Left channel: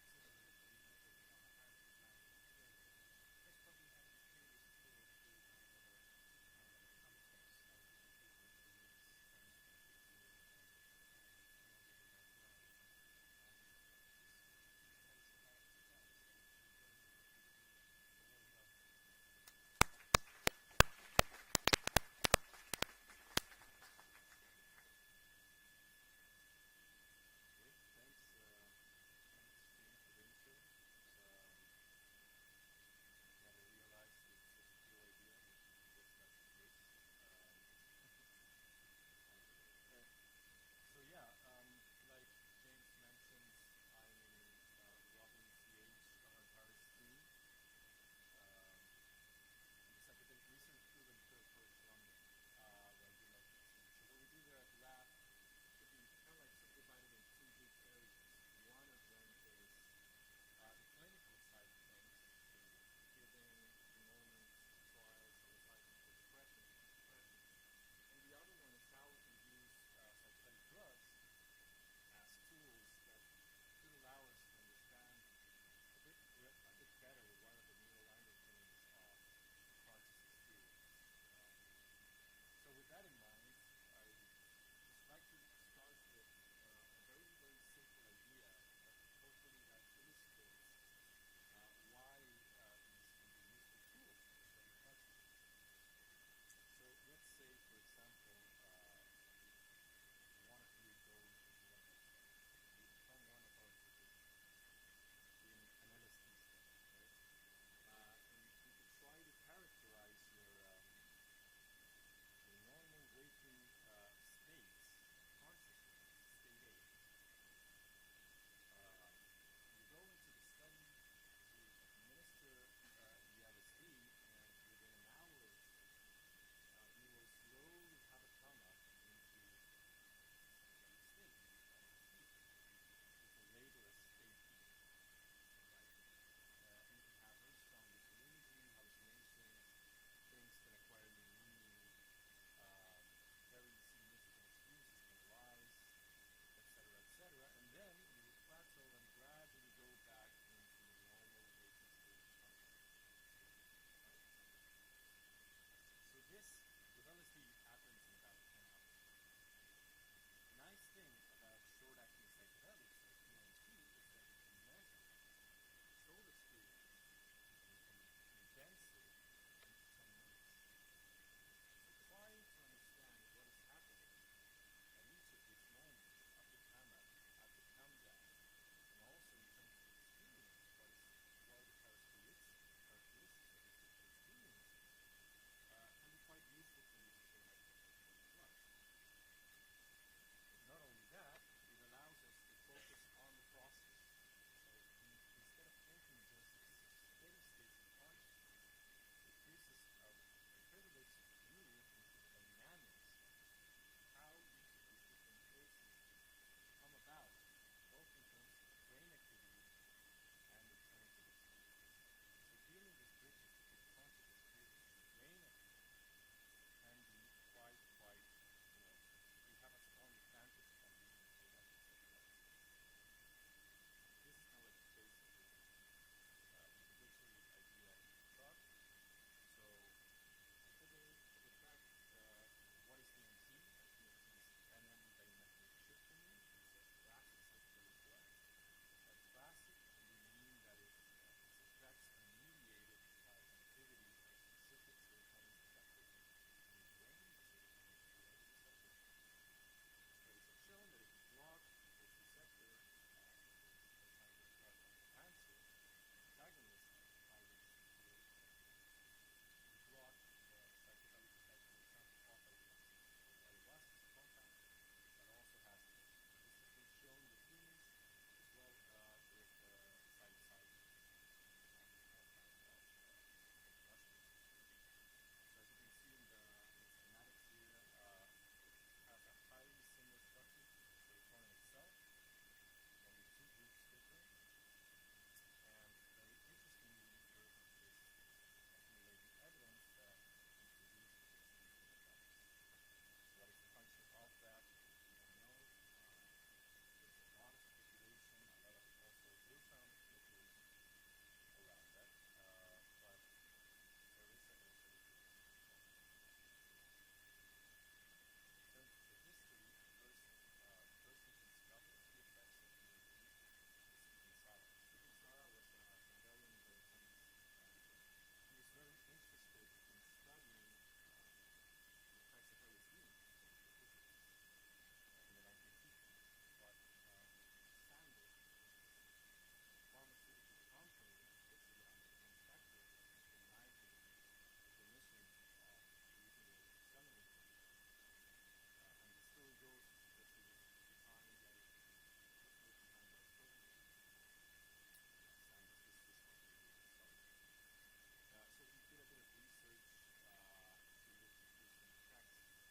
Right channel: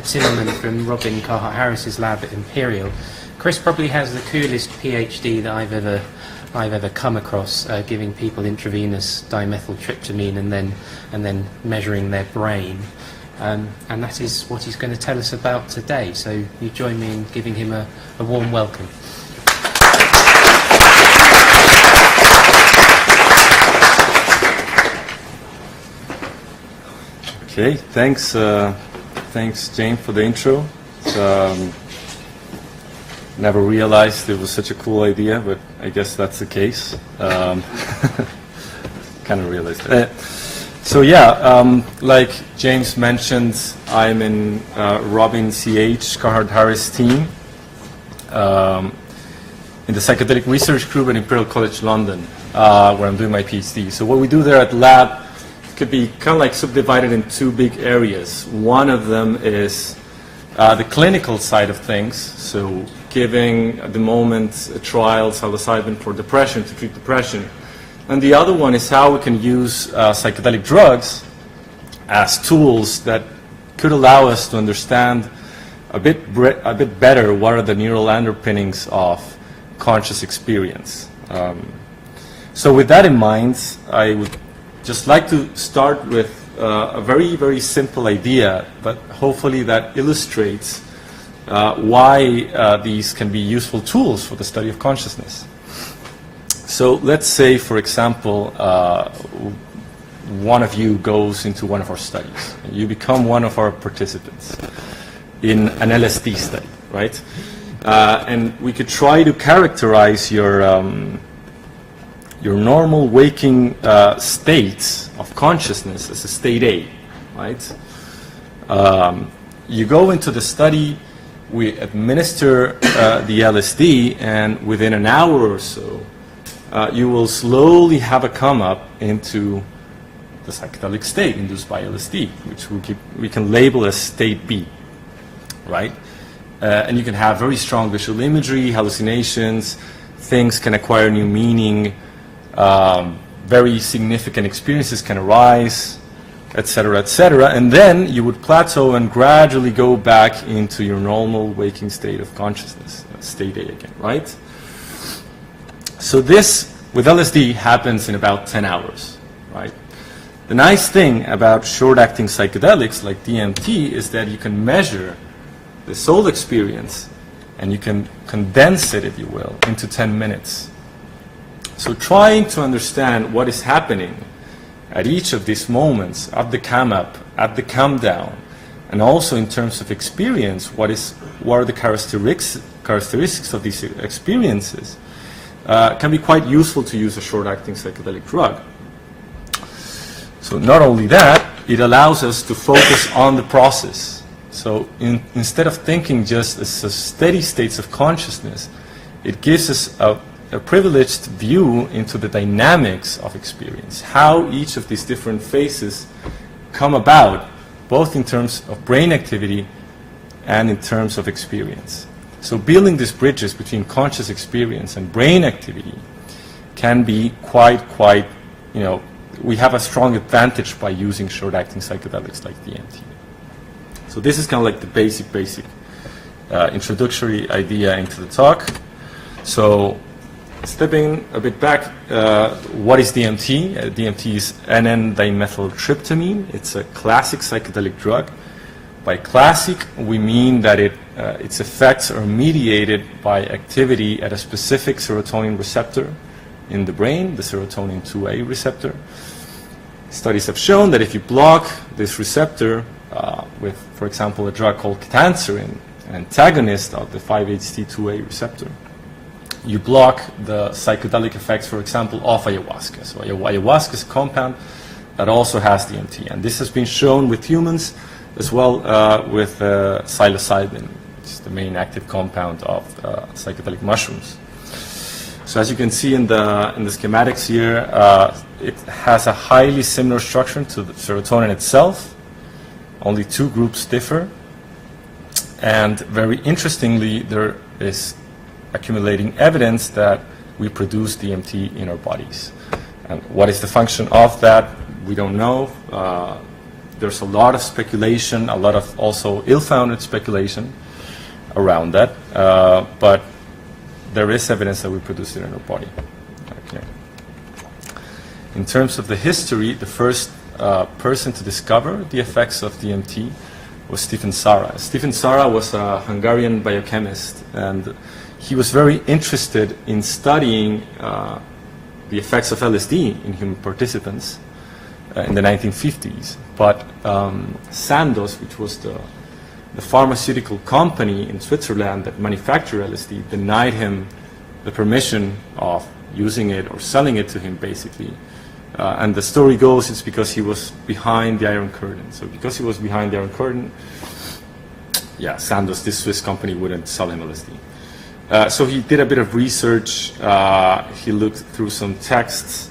Timmerman from Robin Carhart-Harris's lab at Imperial. Chris probably has the coolest PhD that I've ever come across, giving people intravenous dimethyltryptamine and then measuring their brain. And that is what he's going to tell us about today. So you join me in giving him a warm welcome. Okay, thanks Jane for the intro. Never realized it was such a cool idea, but I guess that's the case. Kind of realized that. So yeah, like James mentioned, I'm in Robin C.H. Carhart-Harris team in the Psychedelic Research Group at Imperial College London, where I'm doing my PhD. So what we do there at the lab could be kind of like subdivided in two big areas. One of them is the clinical side of things, so giving at the moment a trial psilocybin for depression to treat depression. And the other one is how we can use psychedelic drugs as tools that could allow us to understand a bit better what are the neural underpinnings of conscious experience. So with that in mind, I would just like to start with a very, very simple idea, but hopefully that illustrates why these can be useful tools for the study of consciousness. So let's say, for example, one of you goes into one of our studies. You become one of our participants in an LSD study, right? And we could try to characterize your normal waking states of consciousness as a state A, right? You go into the study, we administer the LSD, and within an hour or so, you will slowly have a come up into the psychedelic state induced by LSD, which we can label as state B, right? And you can have very strong visual imagery, hallucinations, things can acquire new meaning, very significant experiences can arise, etc., etc., and then you would plateau and gradually go back into your normal waking state of consciousness, state A again, right? So this, with LSD, happens in about 10 hours, right? The nice thing about short-acting psychedelics like DMT is that you can measure the soul experience and you can condense it, if you will, into 10 minutes. So trying to understand what is happening at each of these moments, at the come up, at the come down, and also in terms of experience, what are the characteristics of these experiences, can be quite useful to use a short-acting psychedelic drug. So not only that, it allows us to focus on the process. So instead of thinking just as a steady states of consciousness, it gives us a privileged view into the dynamics of experience, how each of these different phases come about, both in terms of brain activity and in terms of experience. So building these bridges between conscious experience and brain activity can be quite, we have a strong advantage by using short-acting psychedelics like DMT. So this is kind of like the basic introductory idea into the talk. So stepping a bit back, what is DMT? DMT is N,N-dimethyltryptamine. It's a classic psychedelic drug. By classic, we mean that its effects are mediated by activity at a specific serotonin receptor in the brain, the serotonin 2A receptor. Studies have shown that if you block this receptor with, for example, a drug called ketanserin, an antagonist of the 5-HT2A receptor, you block the psychedelic effects, for example, of ayahuasca. So ayahuasca is a compound that also has DMT, and this has been shown with humans as well with psilocybin, which is the main active compound of psychedelic mushrooms. So as you can see in the schematics here, it has a highly similar structure to the serotonin itself. Only two groups differ, and very interestingly, there is accumulating evidence that we produce DMT in our bodies. And what is the function of that? We don't know. there's a lot of speculation, a lot of also ill-founded speculation around that, but there is evidence that we produce it in our body. Okay. In terms of the history, the first person to discover the effects of DMT was Stephen Sara. Stephen Sara was a Hungarian biochemist, and he was very interested in studying the effects of LSD in human participants in the 1950s. But Sandoz, which was the pharmaceutical company in Switzerland that manufactured LSD, denied him the permission of using it or selling it to him, basically. And the story goes it's because he was behind the Iron Curtain. So because he was behind the Iron Curtain, yeah, Sandoz, this Swiss company, wouldn't sell him LSD. So he did a bit of research, he looked through some texts,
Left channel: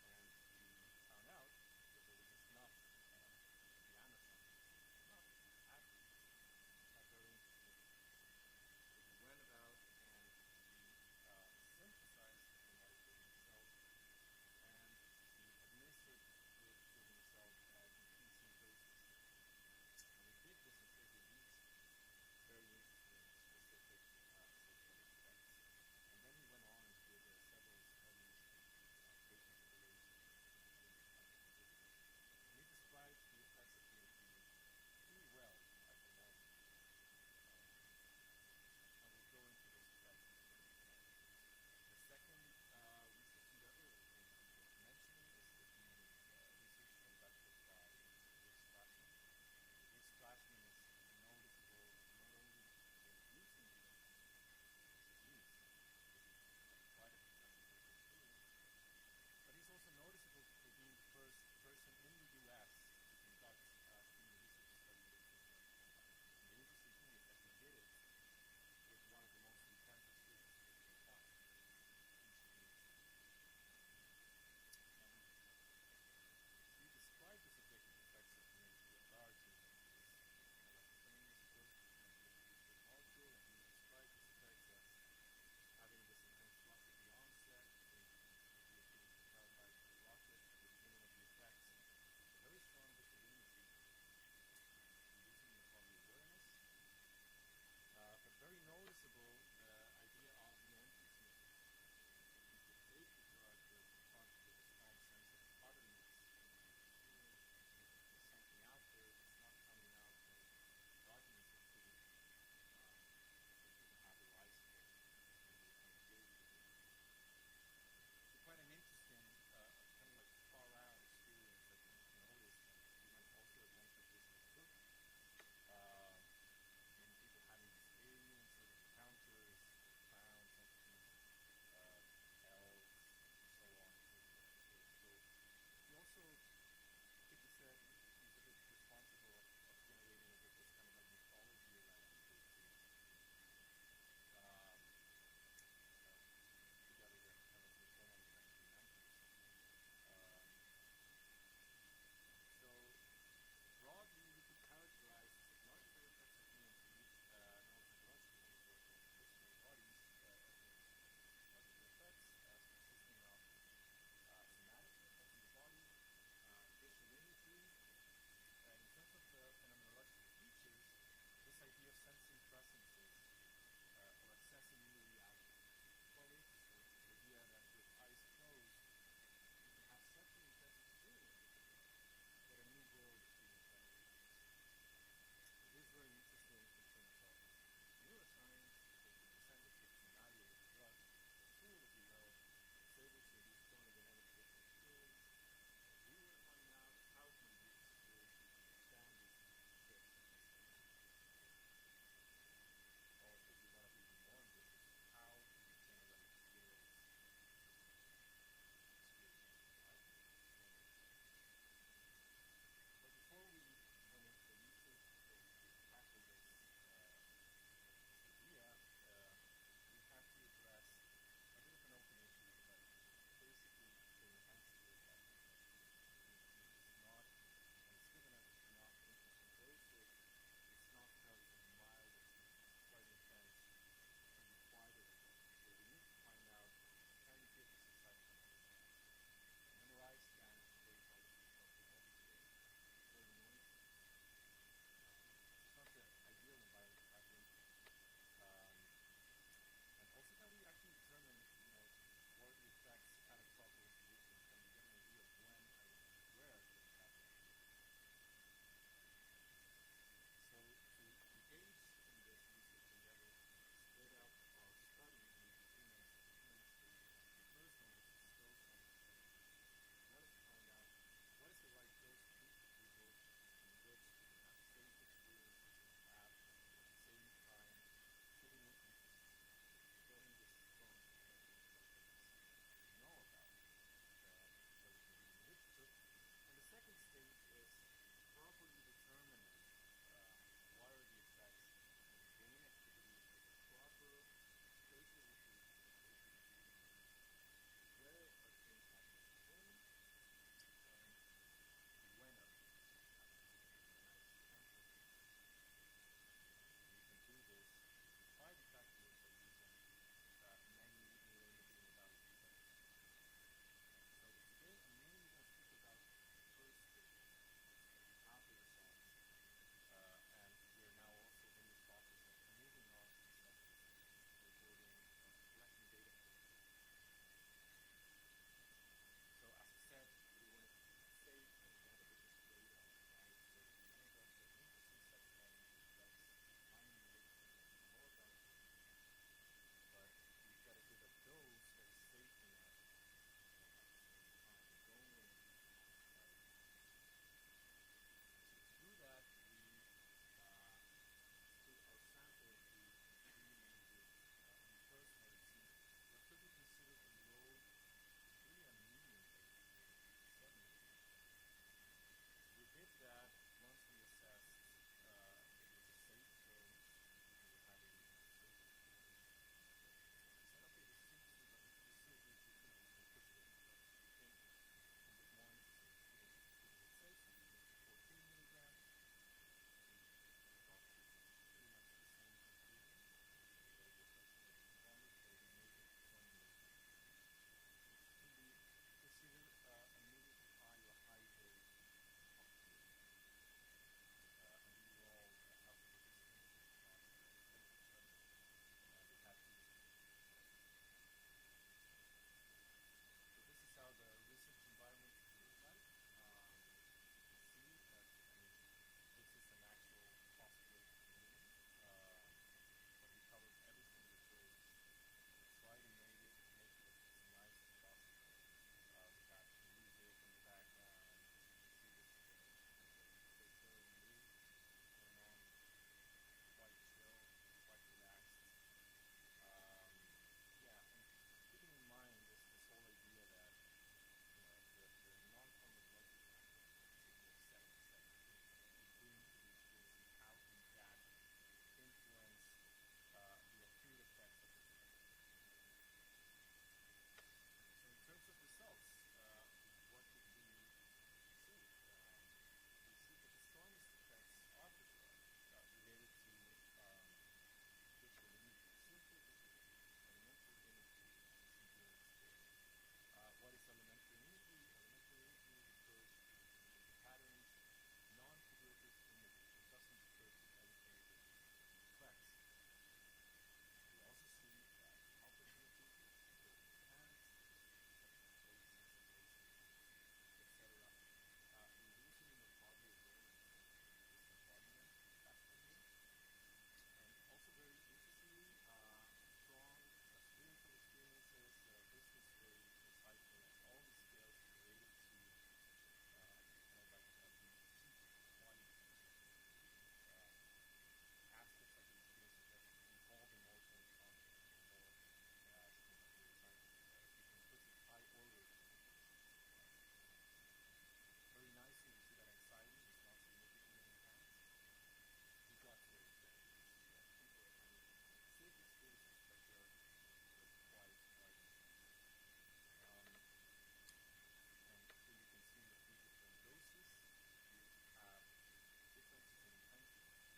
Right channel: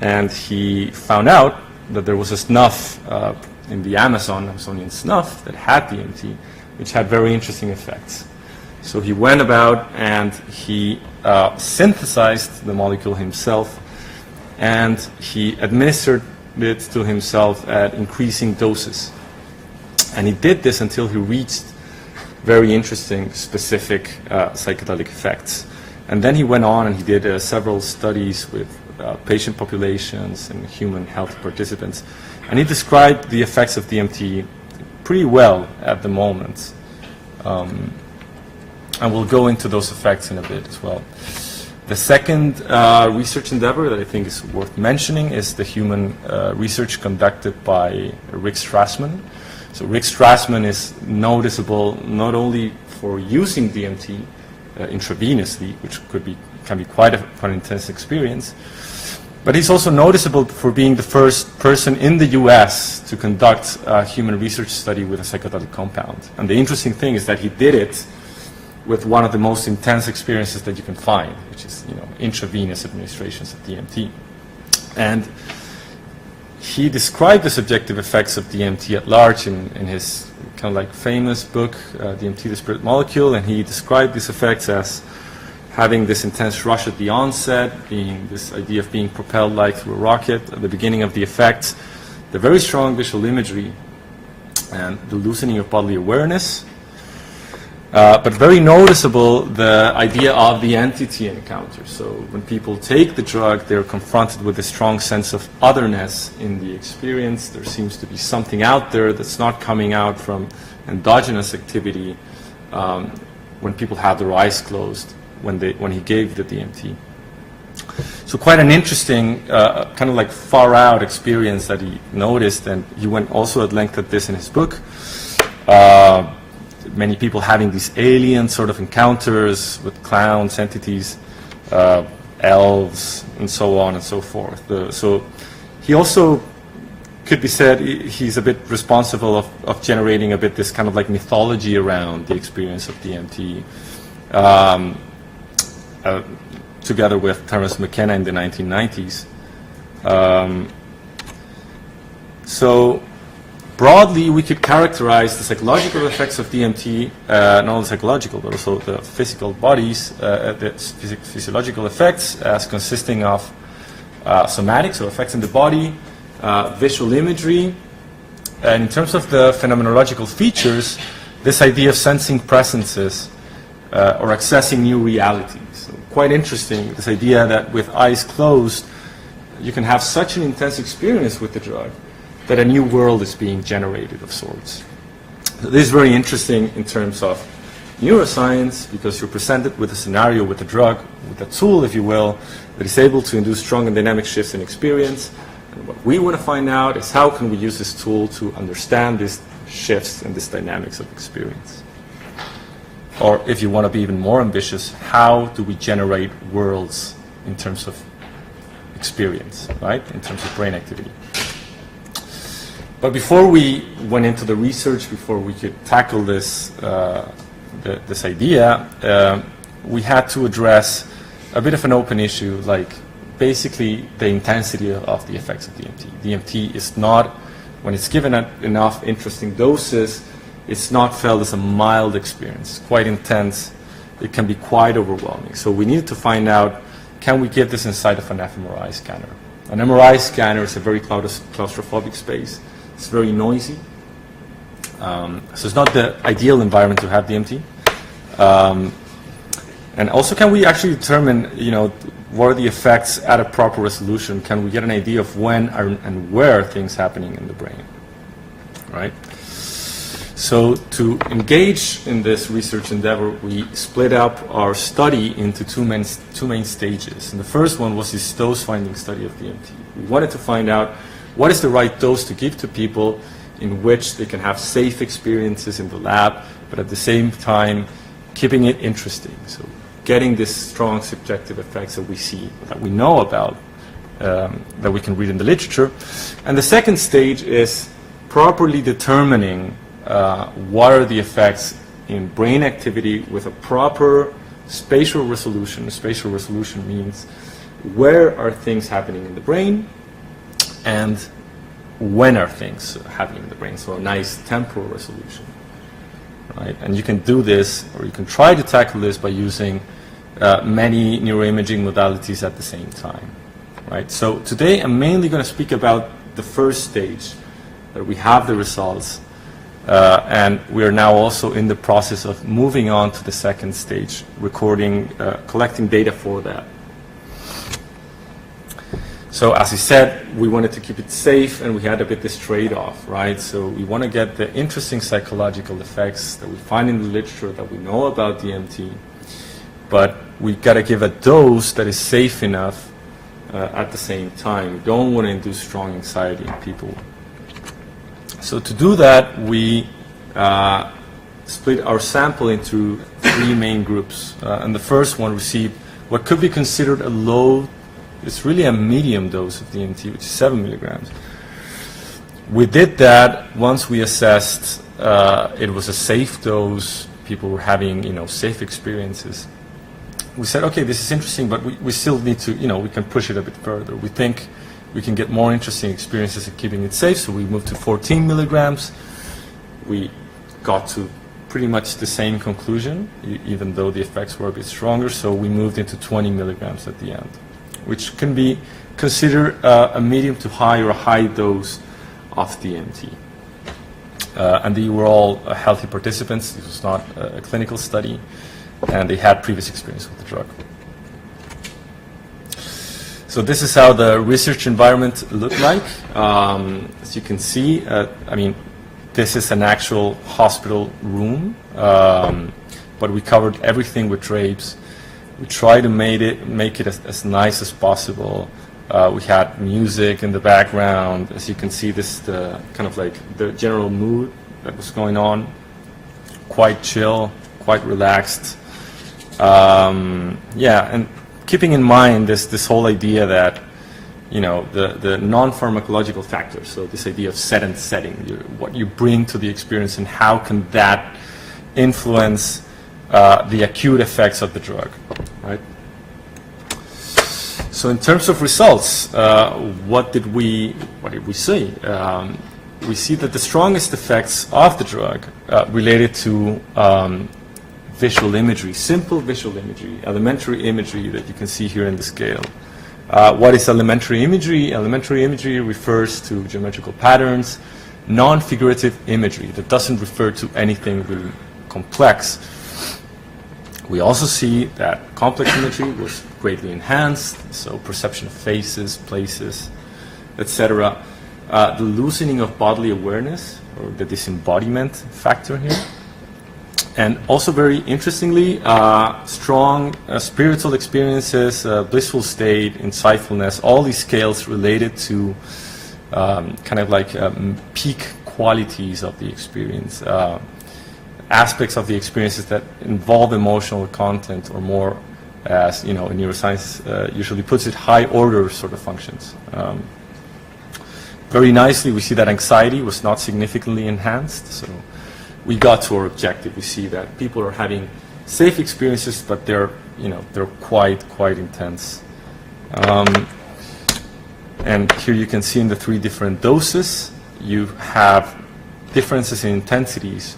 and he found out that there was a snuff in the Amazonian snuff that had DMT, which had very interesting effects. So he went about and he synthesized the molecule himself, and he administered it to himself at increasing doses. And he did this until he reached very interesting, specific psychedelic effects. And then he went on and he did several studies with patient populations and human health participants. And he described the effects of DMT pretty well at the moment. And we'll go into those effects in a bit as well. The second research endeavor that I think is worth mentioning is the human research conducted by Rick Strassman. So Rick Strassman is noticeable not only for using DMT intravenously, which can be quite an intense experience, but he's also noticeable for being the first person in the US to conduct a human research study with a psychedelic compound. And the interesting thing is that he did it with one of the most intense experiences that you can find, which is intravenous administrations of DMT. And he described the subjective effects of DMT at large in his kind of like famous book, DMT, the Spirit Molecule, and he described these effects as having this intense rush at the onset, being this idea of being propelled like through a rocket at the beginning of the effect, the very strong visual imagery, and the loosening of bodily awareness. But very noticeable, the idea of the entity encounter. So when people take the drug, they're confronted with a strong sense of otherness in the experience. There seems to be something out there that's not coming out from endogenous activity when people have their eyes closed when he gave the DMT. So quite an interesting, kind of like far out experience that he noticed, and he went also at length at this in his book. Many people having these alien sort of encounters with clowns, entities, elves, and so on and so forth. So he also could be said he's a bit responsible of generating a bit this kind of like mythology around the experience of DMT, together with Terence McKenna in the 1990s. So broadly, we could characterize the psychological effects of DMT, not only psychological, but also the physical bodies, the physiological effects as consisting of somatic, so effects in the body, visual imagery, and in terms of the phenomenological features, this idea of sensing presences or accessing new realities. So quite interesting, this idea that with eyes closed, you can have such an intense experience with the drug that a new world is being generated of sorts. So this is very interesting in terms of neuroscience, because you're presented with a scenario, with a drug, with a tool, if you will, that is able to induce strong and dynamic shifts in experience. And what we want to find out is how can we use this tool to understand these shifts and these dynamics of experience. Or if you want to be even more ambitious, how do we generate worlds in terms of experience, right? In terms of brain activity. But before we went into the research, before we could tackle this, this idea, we had to address a bit of an open issue, like basically the intensity of the effects of DMT. DMT is not, when it's given at enough interesting doses, it's not felt as a mild experience, quite intense. It can be quite overwhelming. So we needed to find out, can we give this inside of an fMRI scanner? An MRI scanner is a very claustrophobic space. It's very noisy. So it's not the ideal environment to have DMT. And also, can we actually determine, what are the effects at a proper resolution? Can we get an idea of when and where are things happening in the brain, right? So to engage in this research endeavor, we split up our study into two main stages. And the first one was this dose-finding study of DMT. We wanted to find out what is the right dose to give to people in which they can have safe experiences in the lab, but at the same time keeping it interesting. So getting these strong subjective effects that we see, that we know about, that we can read in the literature. And the second stage is properly determining what are the effects in brain activity with a proper spatial resolution. Spatial resolution means where are things happening in the brain and when are things happening in the brain. So a nice temporal resolution, right? And you can do this, or you can try to tackle this by using many neuroimaging modalities at the same time, right? So today I'm mainly going to speak about the first stage, that we have the results, and we are now also in the process of moving on to the second stage, collecting data for that. So as I said, we wanted to keep it safe, and we had a bit this trade-off, right? So we want to get the interesting psychological effects that we find in the literature, that we know about DMT, but we got to give a dose that is safe enough at the same time. We don't want to induce strong anxiety in people. So to do that, we split our sample into three main groups. And the first one received what could be considered a low, it's really a medium dose of DMT, which is 7 milligrams. We did that once we assessed it was a safe dose, people were having safe experiences. We said, okay, this is interesting, but we still need to, we can push it a bit further. We think we can get more interesting experiences at keeping it safe, so we moved to 14 milligrams. We got to pretty much the same conclusion, even though the effects were a bit stronger, so we moved into 20 milligrams at the end, which can be considered a medium to high or a high dose of DMT. And they were all healthy participants. This was not a clinical study, and they had previous experience with the drug. So this is how the research environment looked like. As you can see, this is an actual hospital room, but we covered everything with drapes. We tried to make it as nice as possible. We had music in the background. As you can see, this is the kind of like the general mood that was going on. Quite chill, quite relaxed. And keeping in mind this whole idea that, the non-pharmacological factors, so this idea of set and setting, what you bring to the experience and how can that influence the acute effects of the drug, right? So in terms of results, what did we see? We see that the strongest effects of the drug related to visual imagery, simple visual imagery, elementary imagery that you can see here in the scale. What is elementary imagery? Elementary imagery refers to geometrical patterns, non-figurative imagery that doesn't refer to anything really complex. We also see that complex imagery was greatly enhanced, so perception of faces, places, etc. The loosening of bodily awareness, or the disembodiment factor here. And also very interestingly, strong spiritual experiences, blissful state, insightfulness, all these scales related to kind of like peak qualities of the experience, aspects of the experiences that involve emotional content, or more, as in neuroscience usually puts it, high order sort of functions. Very nicely, we see that anxiety was not significantly enhanced, so we got to our objective. We see that people are having safe experiences, but they're quite intense. And here you can see in the three different doses, you have differences in intensities,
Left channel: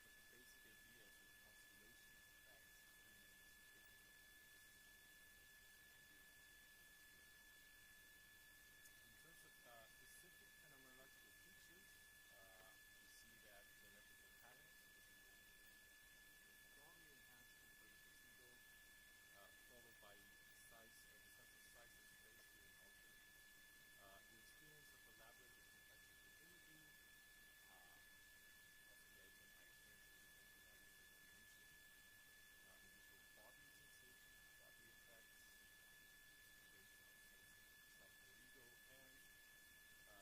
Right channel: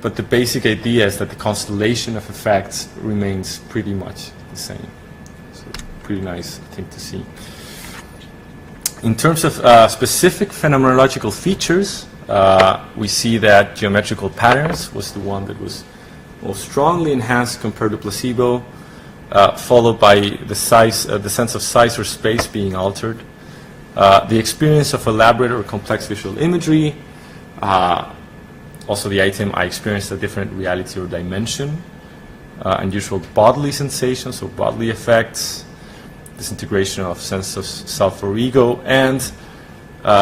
but the basic idea is that the constellation of effects remains pretty much the same. So pretty nice thing to see. In terms of specific phenomenological features, we see that geometrical patterns was the one that was most strongly enhanced compared to placebo, followed by the sense of size or space being altered. The experience of elaborate or complex visual imagery, also the item, I experienced a different reality or dimension, unusual bodily sensations or bodily effects, disintegration of sense of self or ego, and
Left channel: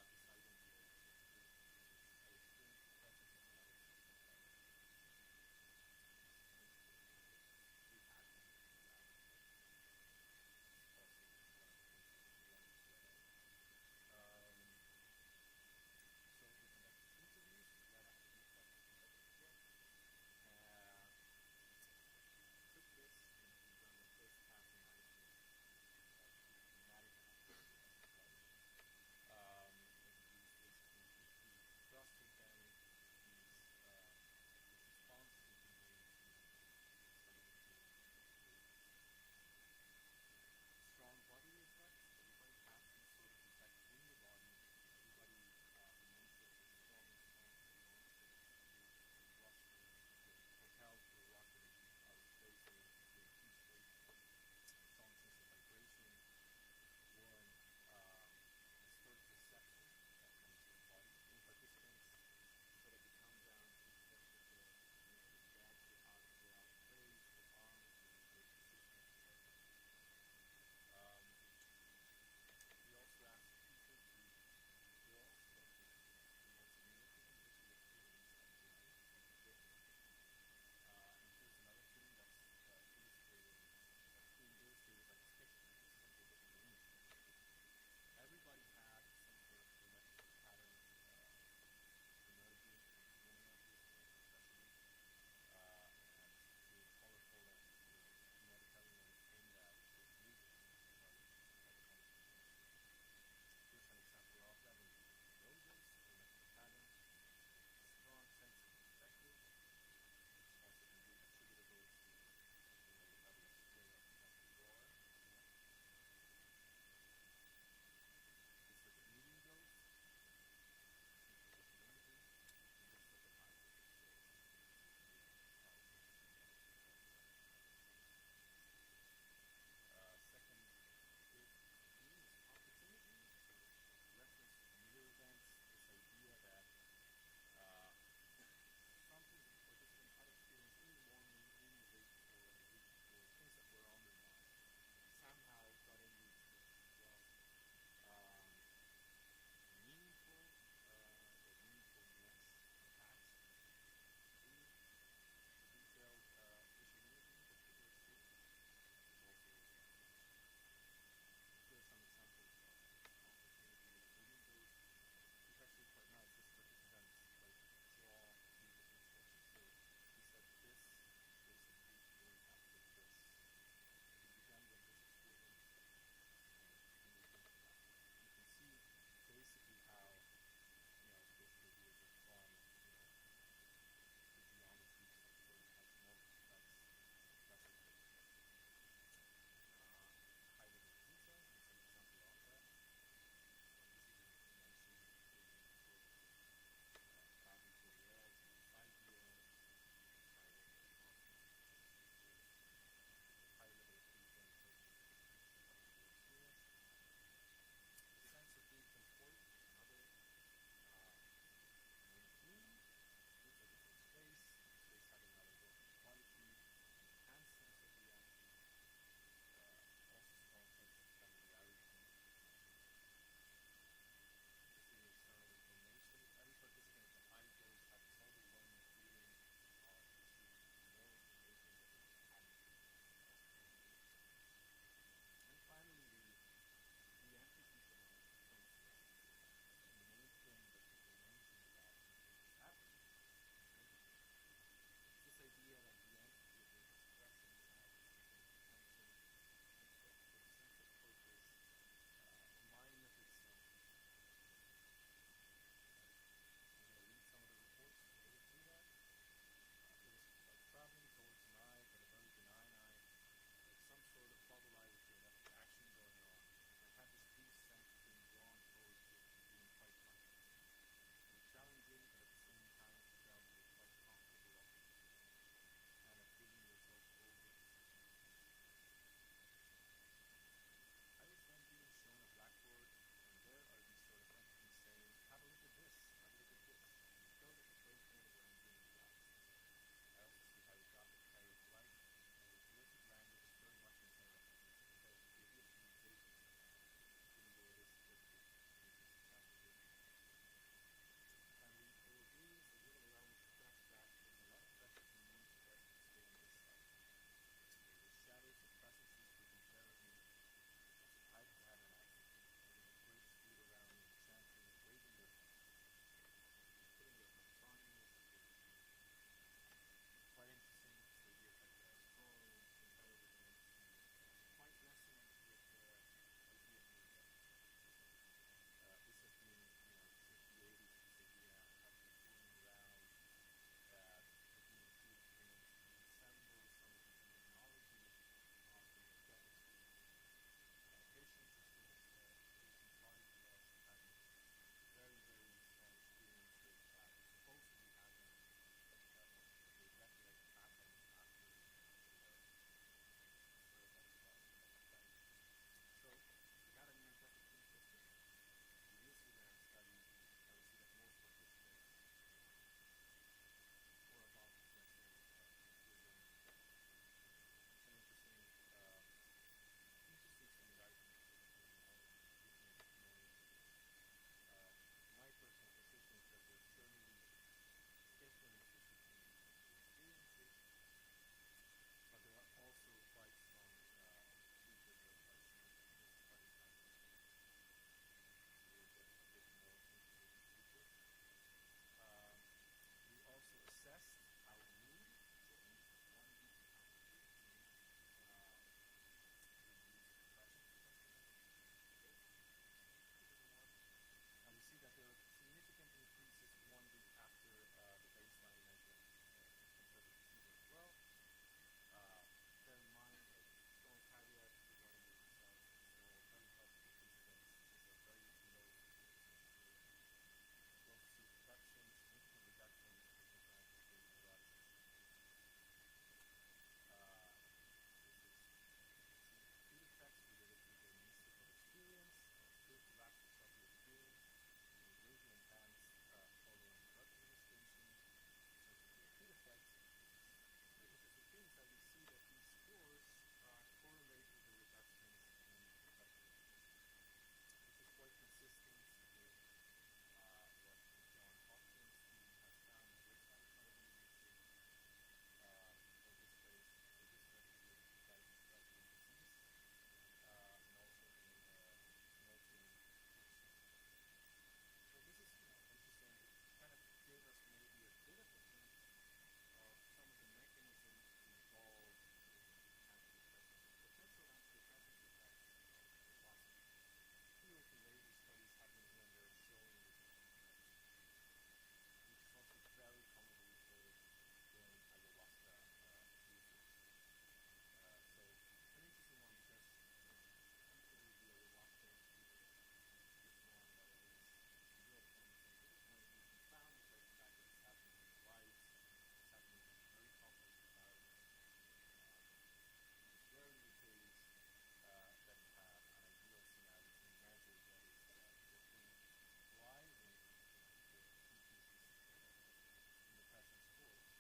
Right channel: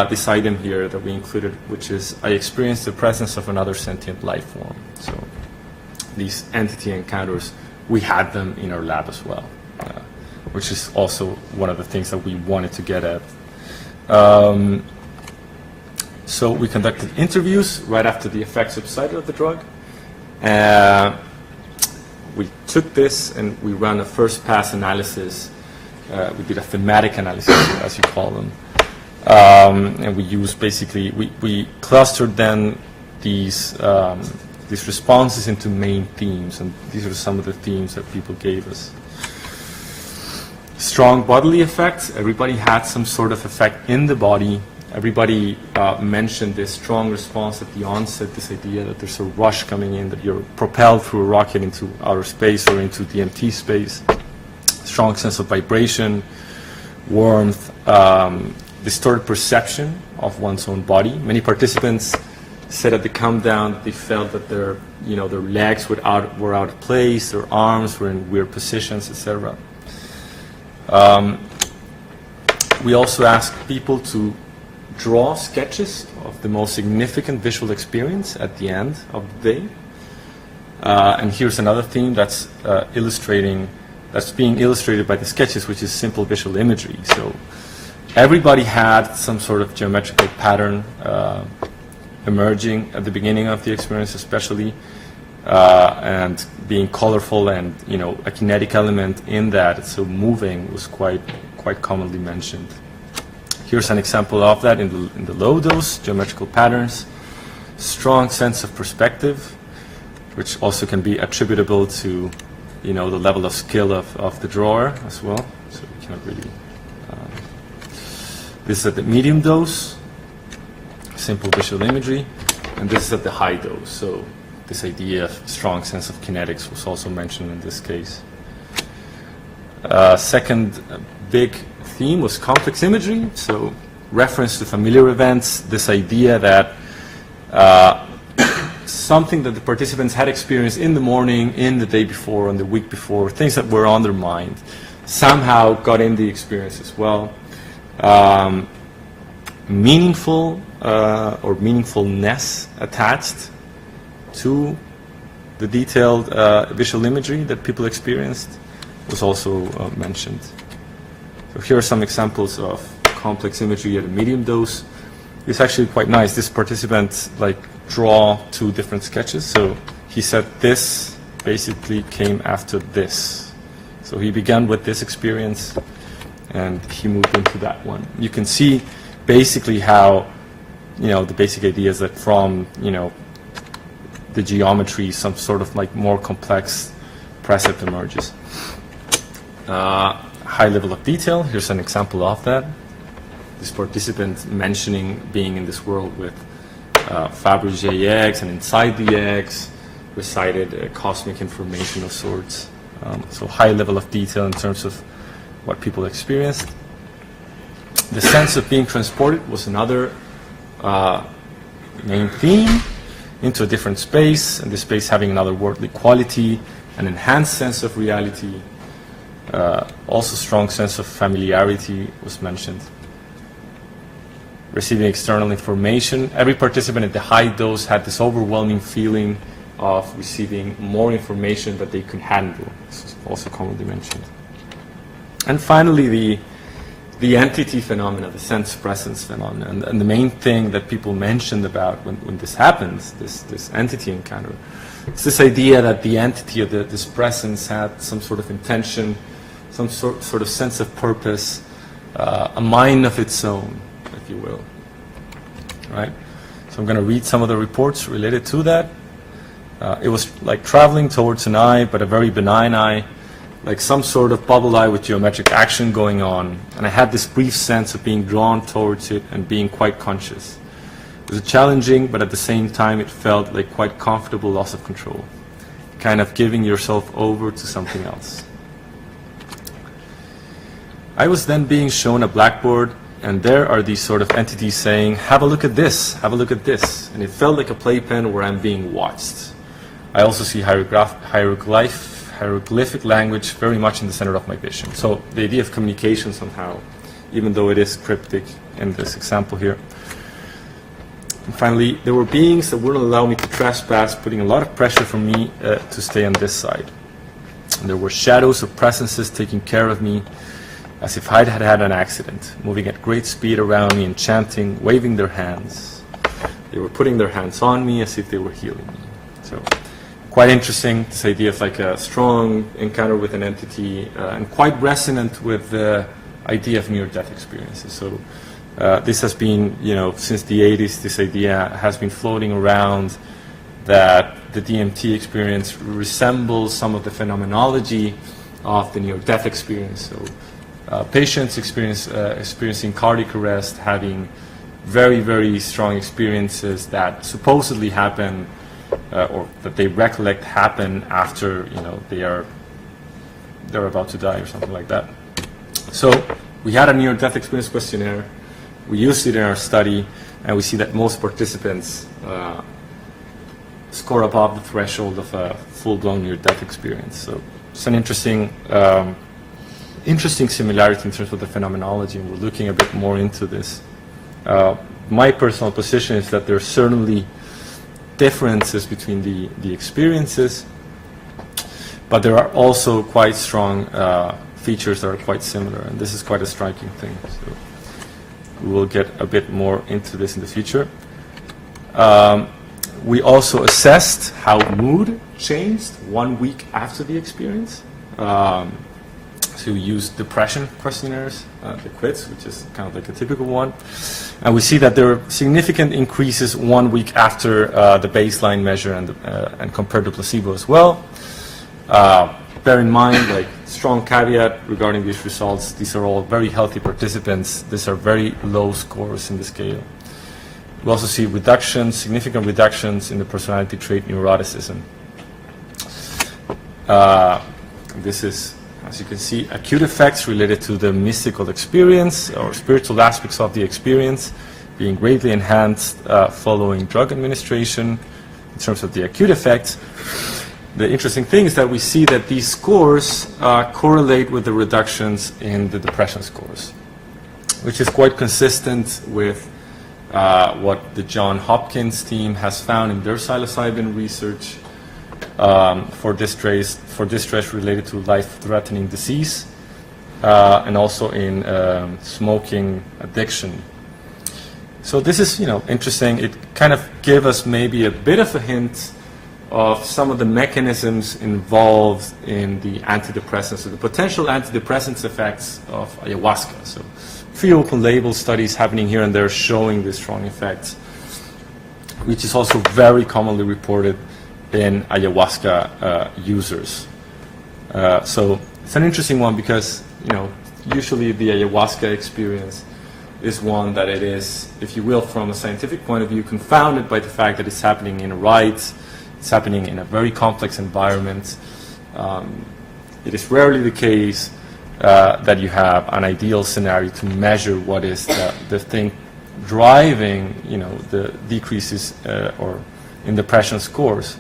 this item here that we included, which is I experienced the presence of another sentient life form. So these entity encounters, we had them in our lab as well, which is also one of the things that we wanted to get at. So we conducted interviews right after the effects subsided of the drug. We took this and we ran a first pass analysis. We did a thematic analysis, as you call them. And we used basically, we clustered then these responses into main themes, and these are some of the themes that people gave us. Strong bodily effects. Everybody had some sort of effect in the body. Everybody mentioned this strong response at the onset, this idea that there's a rush coming in, that you're propelled through a rocket into outer space or into DMT space. Strong sense of vibration, warmth, distorted perception of one's own body. Many participants said at the come down that they felt that their legs were out of place, their arms were in weird positions, etc. We also asked people to draw sketches of the most significant visual experience at the end of the day. And here's another theme that's being illustrated by the sketches, which is simple visual imagery. So everybody had some sort of geometrical pattern emerging at the beginning of the experience, especially, and being colorful, and a kinetic element in that. So moving was quite commonly mentioned. Here's an example of that in the low dose, geometrical patterns, strong sense of perspective, which also can be attributable to the level of skill of the drawer as well. So we cannot really. This is at the medium dose, simple visual imagery, and this is at the high dose. So this idea of strong sense of kinetics was also mentioned in this case. Second big theme was complex imagery, so reference to familiar events, this idea that something that the participants had experienced in the morning, in the day before, on the week before, things that were on their mind, somehow got in the experience as well. Meaningful or meaningfulness attached to the detailed visual imagery that people experienced was also mentioned. So here are some examples of complex imagery at a medium dose. It's actually quite nice. This participant draw two different sketches. So he said this basically came after this. So he began with this experience and he moved into that one. You can see basically how, the basic idea is that from, the geometry, some sort of more complex precept emerges. High level of detail. Here's an example of that. This participant mentioning being in this world with Fabergé eggs, and inside the eggs resided cosmic information of sorts. So high level of detail in terms of what people experienced. The sense of being transported was another main theme into a different space, and the space having another worldly quality, an enhanced sense of reality. Also strong sense of familiarity was mentioned. Receiving external information. Every participant at the high dose had this overwhelming feeling of receiving more information that they could handle. This is also commonly mentioned. And finally, the entity phenomena, the sense presence phenomena, and the main thing that people mentioned about when this happens, this entity encounter, it's this idea that the entity of this presence had some sort of intention, some sort of sense of purpose, a mind of its own, if you will. Right? So I'm going to read some of the reports related to that. It was like traveling towards an eye, but a very benign eye, like some sort of bubble eye with geometric action going on, and I had this brief sense of being drawn towards it and being quite conscious. It was challenging, but at the same time it felt like quite comfortable loss of control, kind of giving yourself over to something else. I was then being shown a blackboard, and there are these sort of entities saying, have a look at this, have a look at this. And it felt like a playpen where I'm being watched. I also see hieroglyphic language very much in the center of my vision. So the idea of communication somehow, even though it is cryptic in this example here. And finally, there were beings that wouldn't allow me to trespass, putting a lot of pressure for me to stay on this side. And there were shadows of presences taking care of me, as if I had had an accident, moving at great speed around me and chanting, waving their hands. They were putting their hands on me as if they were healing me. So quite interesting, this idea of like a strong encounter with an entity, and quite resonant with the idea of near-death experiences. So this has been, since the 80s, this idea has been floating around that the DMT experience resembles some of the phenomenology of the near-death experience. So patients experiencing cardiac arrest, having very, very strong experiences that supposedly happen, or that they recollect happen after they're about to die or something like that. So we had a near-death experience questionnaire. We used it in our study, and we see that most participants score above the threshold of a full-blown near-death experience. So it's an interesting similarity in terms of the phenomenology, and we're looking a bit more into this. My personal position is that there are certainly differences between the experiences, but there are also quite strong features that are quite similar, and this is quite a striking thing. So we will get a bit more into this in the future. We also assessed how mood changed 1 week after the experience. So we used depression questionnaires, the QIDS, which is kind of like a typical one. And we see that there are significant increases 1 week after the baseline measure and compared to placebo as well. Bear in mind, like, strong caveat regarding these results, these are all very healthy participants. These are very low scores in the scale. We also see significant reductions in the personality trait neuroticism. This is, as you can see, acute effects related to the mystical experience or spiritual aspects of the experience being greatly enhanced following drug administration in terms of the acute effects. The interesting thing is that we see that these scores correlate with the reductions in the depression scores, which is quite consistent with what the Johns Hopkins team has found in their psilocybin research for distress related to life-threatening disease, and also in smoking addiction. So this is, interesting. It kind of gave us maybe a bit of a hint of some of the mechanisms involved in the antidepressants, so the potential antidepressants effects of ayahuasca. So a few open label studies happening here and there showing these strong effects, which is also very commonly reported in ayahuasca users. So it's an interesting one because, usually the ayahuasca experience is one that it is, if you will, from a scientific point of view, confounded by the fact that it's happening in a rite, it's happening in a very complex environment. It is rarely the case that you have an ideal scenario to measure what is the thing driving, the decreases or in depression scores.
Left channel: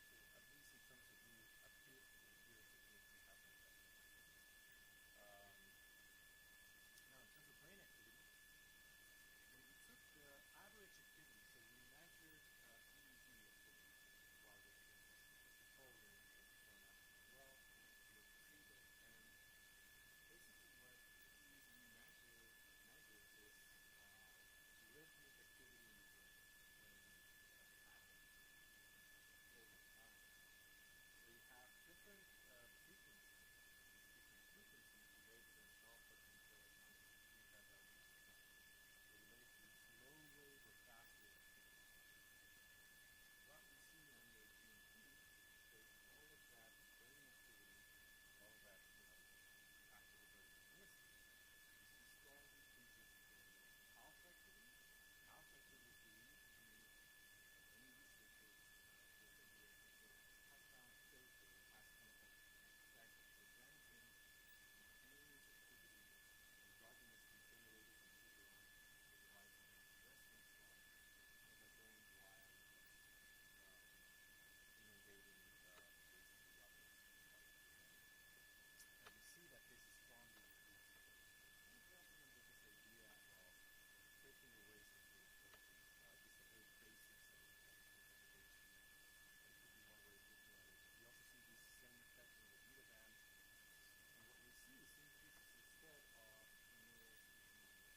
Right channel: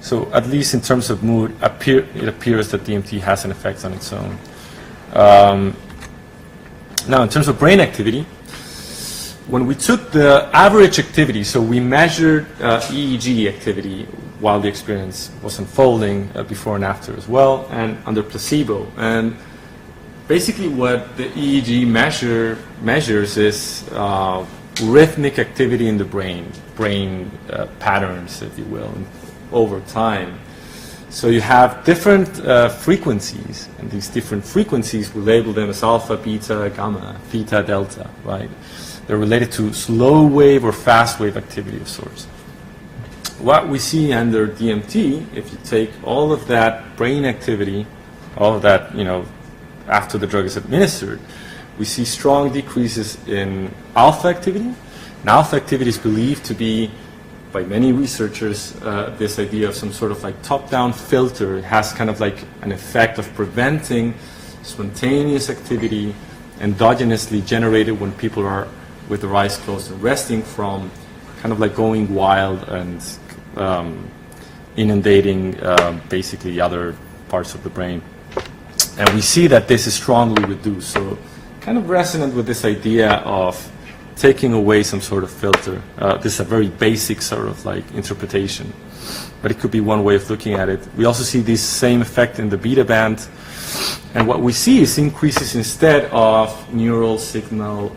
So at least in terms of mood, it appears that DMT has an effect on its own. Now, in terms of brain activity, when we took the average activity, so we measured EEG activity while the experience was unfolding, before and after as well, and under placebo. And basically what the EEG measures is rhythmic activity in the brain patterns, if you will, over time. So you have different frequencies, and these different frequencies, we label them as alpha, beta, gamma, theta, delta, right? They're related to slow wave or fast wave activity of sorts. what we see under DMT, if you take all of that brain activity, all of that, after the drug is administered, we see strong decreases in alpha activity. And alpha activity is believed to be, by many researchers, this idea of some sort of like top-down filter. It has kind of like an effect of preventing spontaneous activity endogenously generated when people are with their eyes closed and resting from kind of like going wild and inundating basically other parts of the brain. And we see that this is strongly reduced. So kind of resonant with this idea of taking away some sort of filter. This is a very basic sort of like interpretation, but it could be one way of looking at it. We also see this same effect in the beta band. And what we see is increases instead of neural signal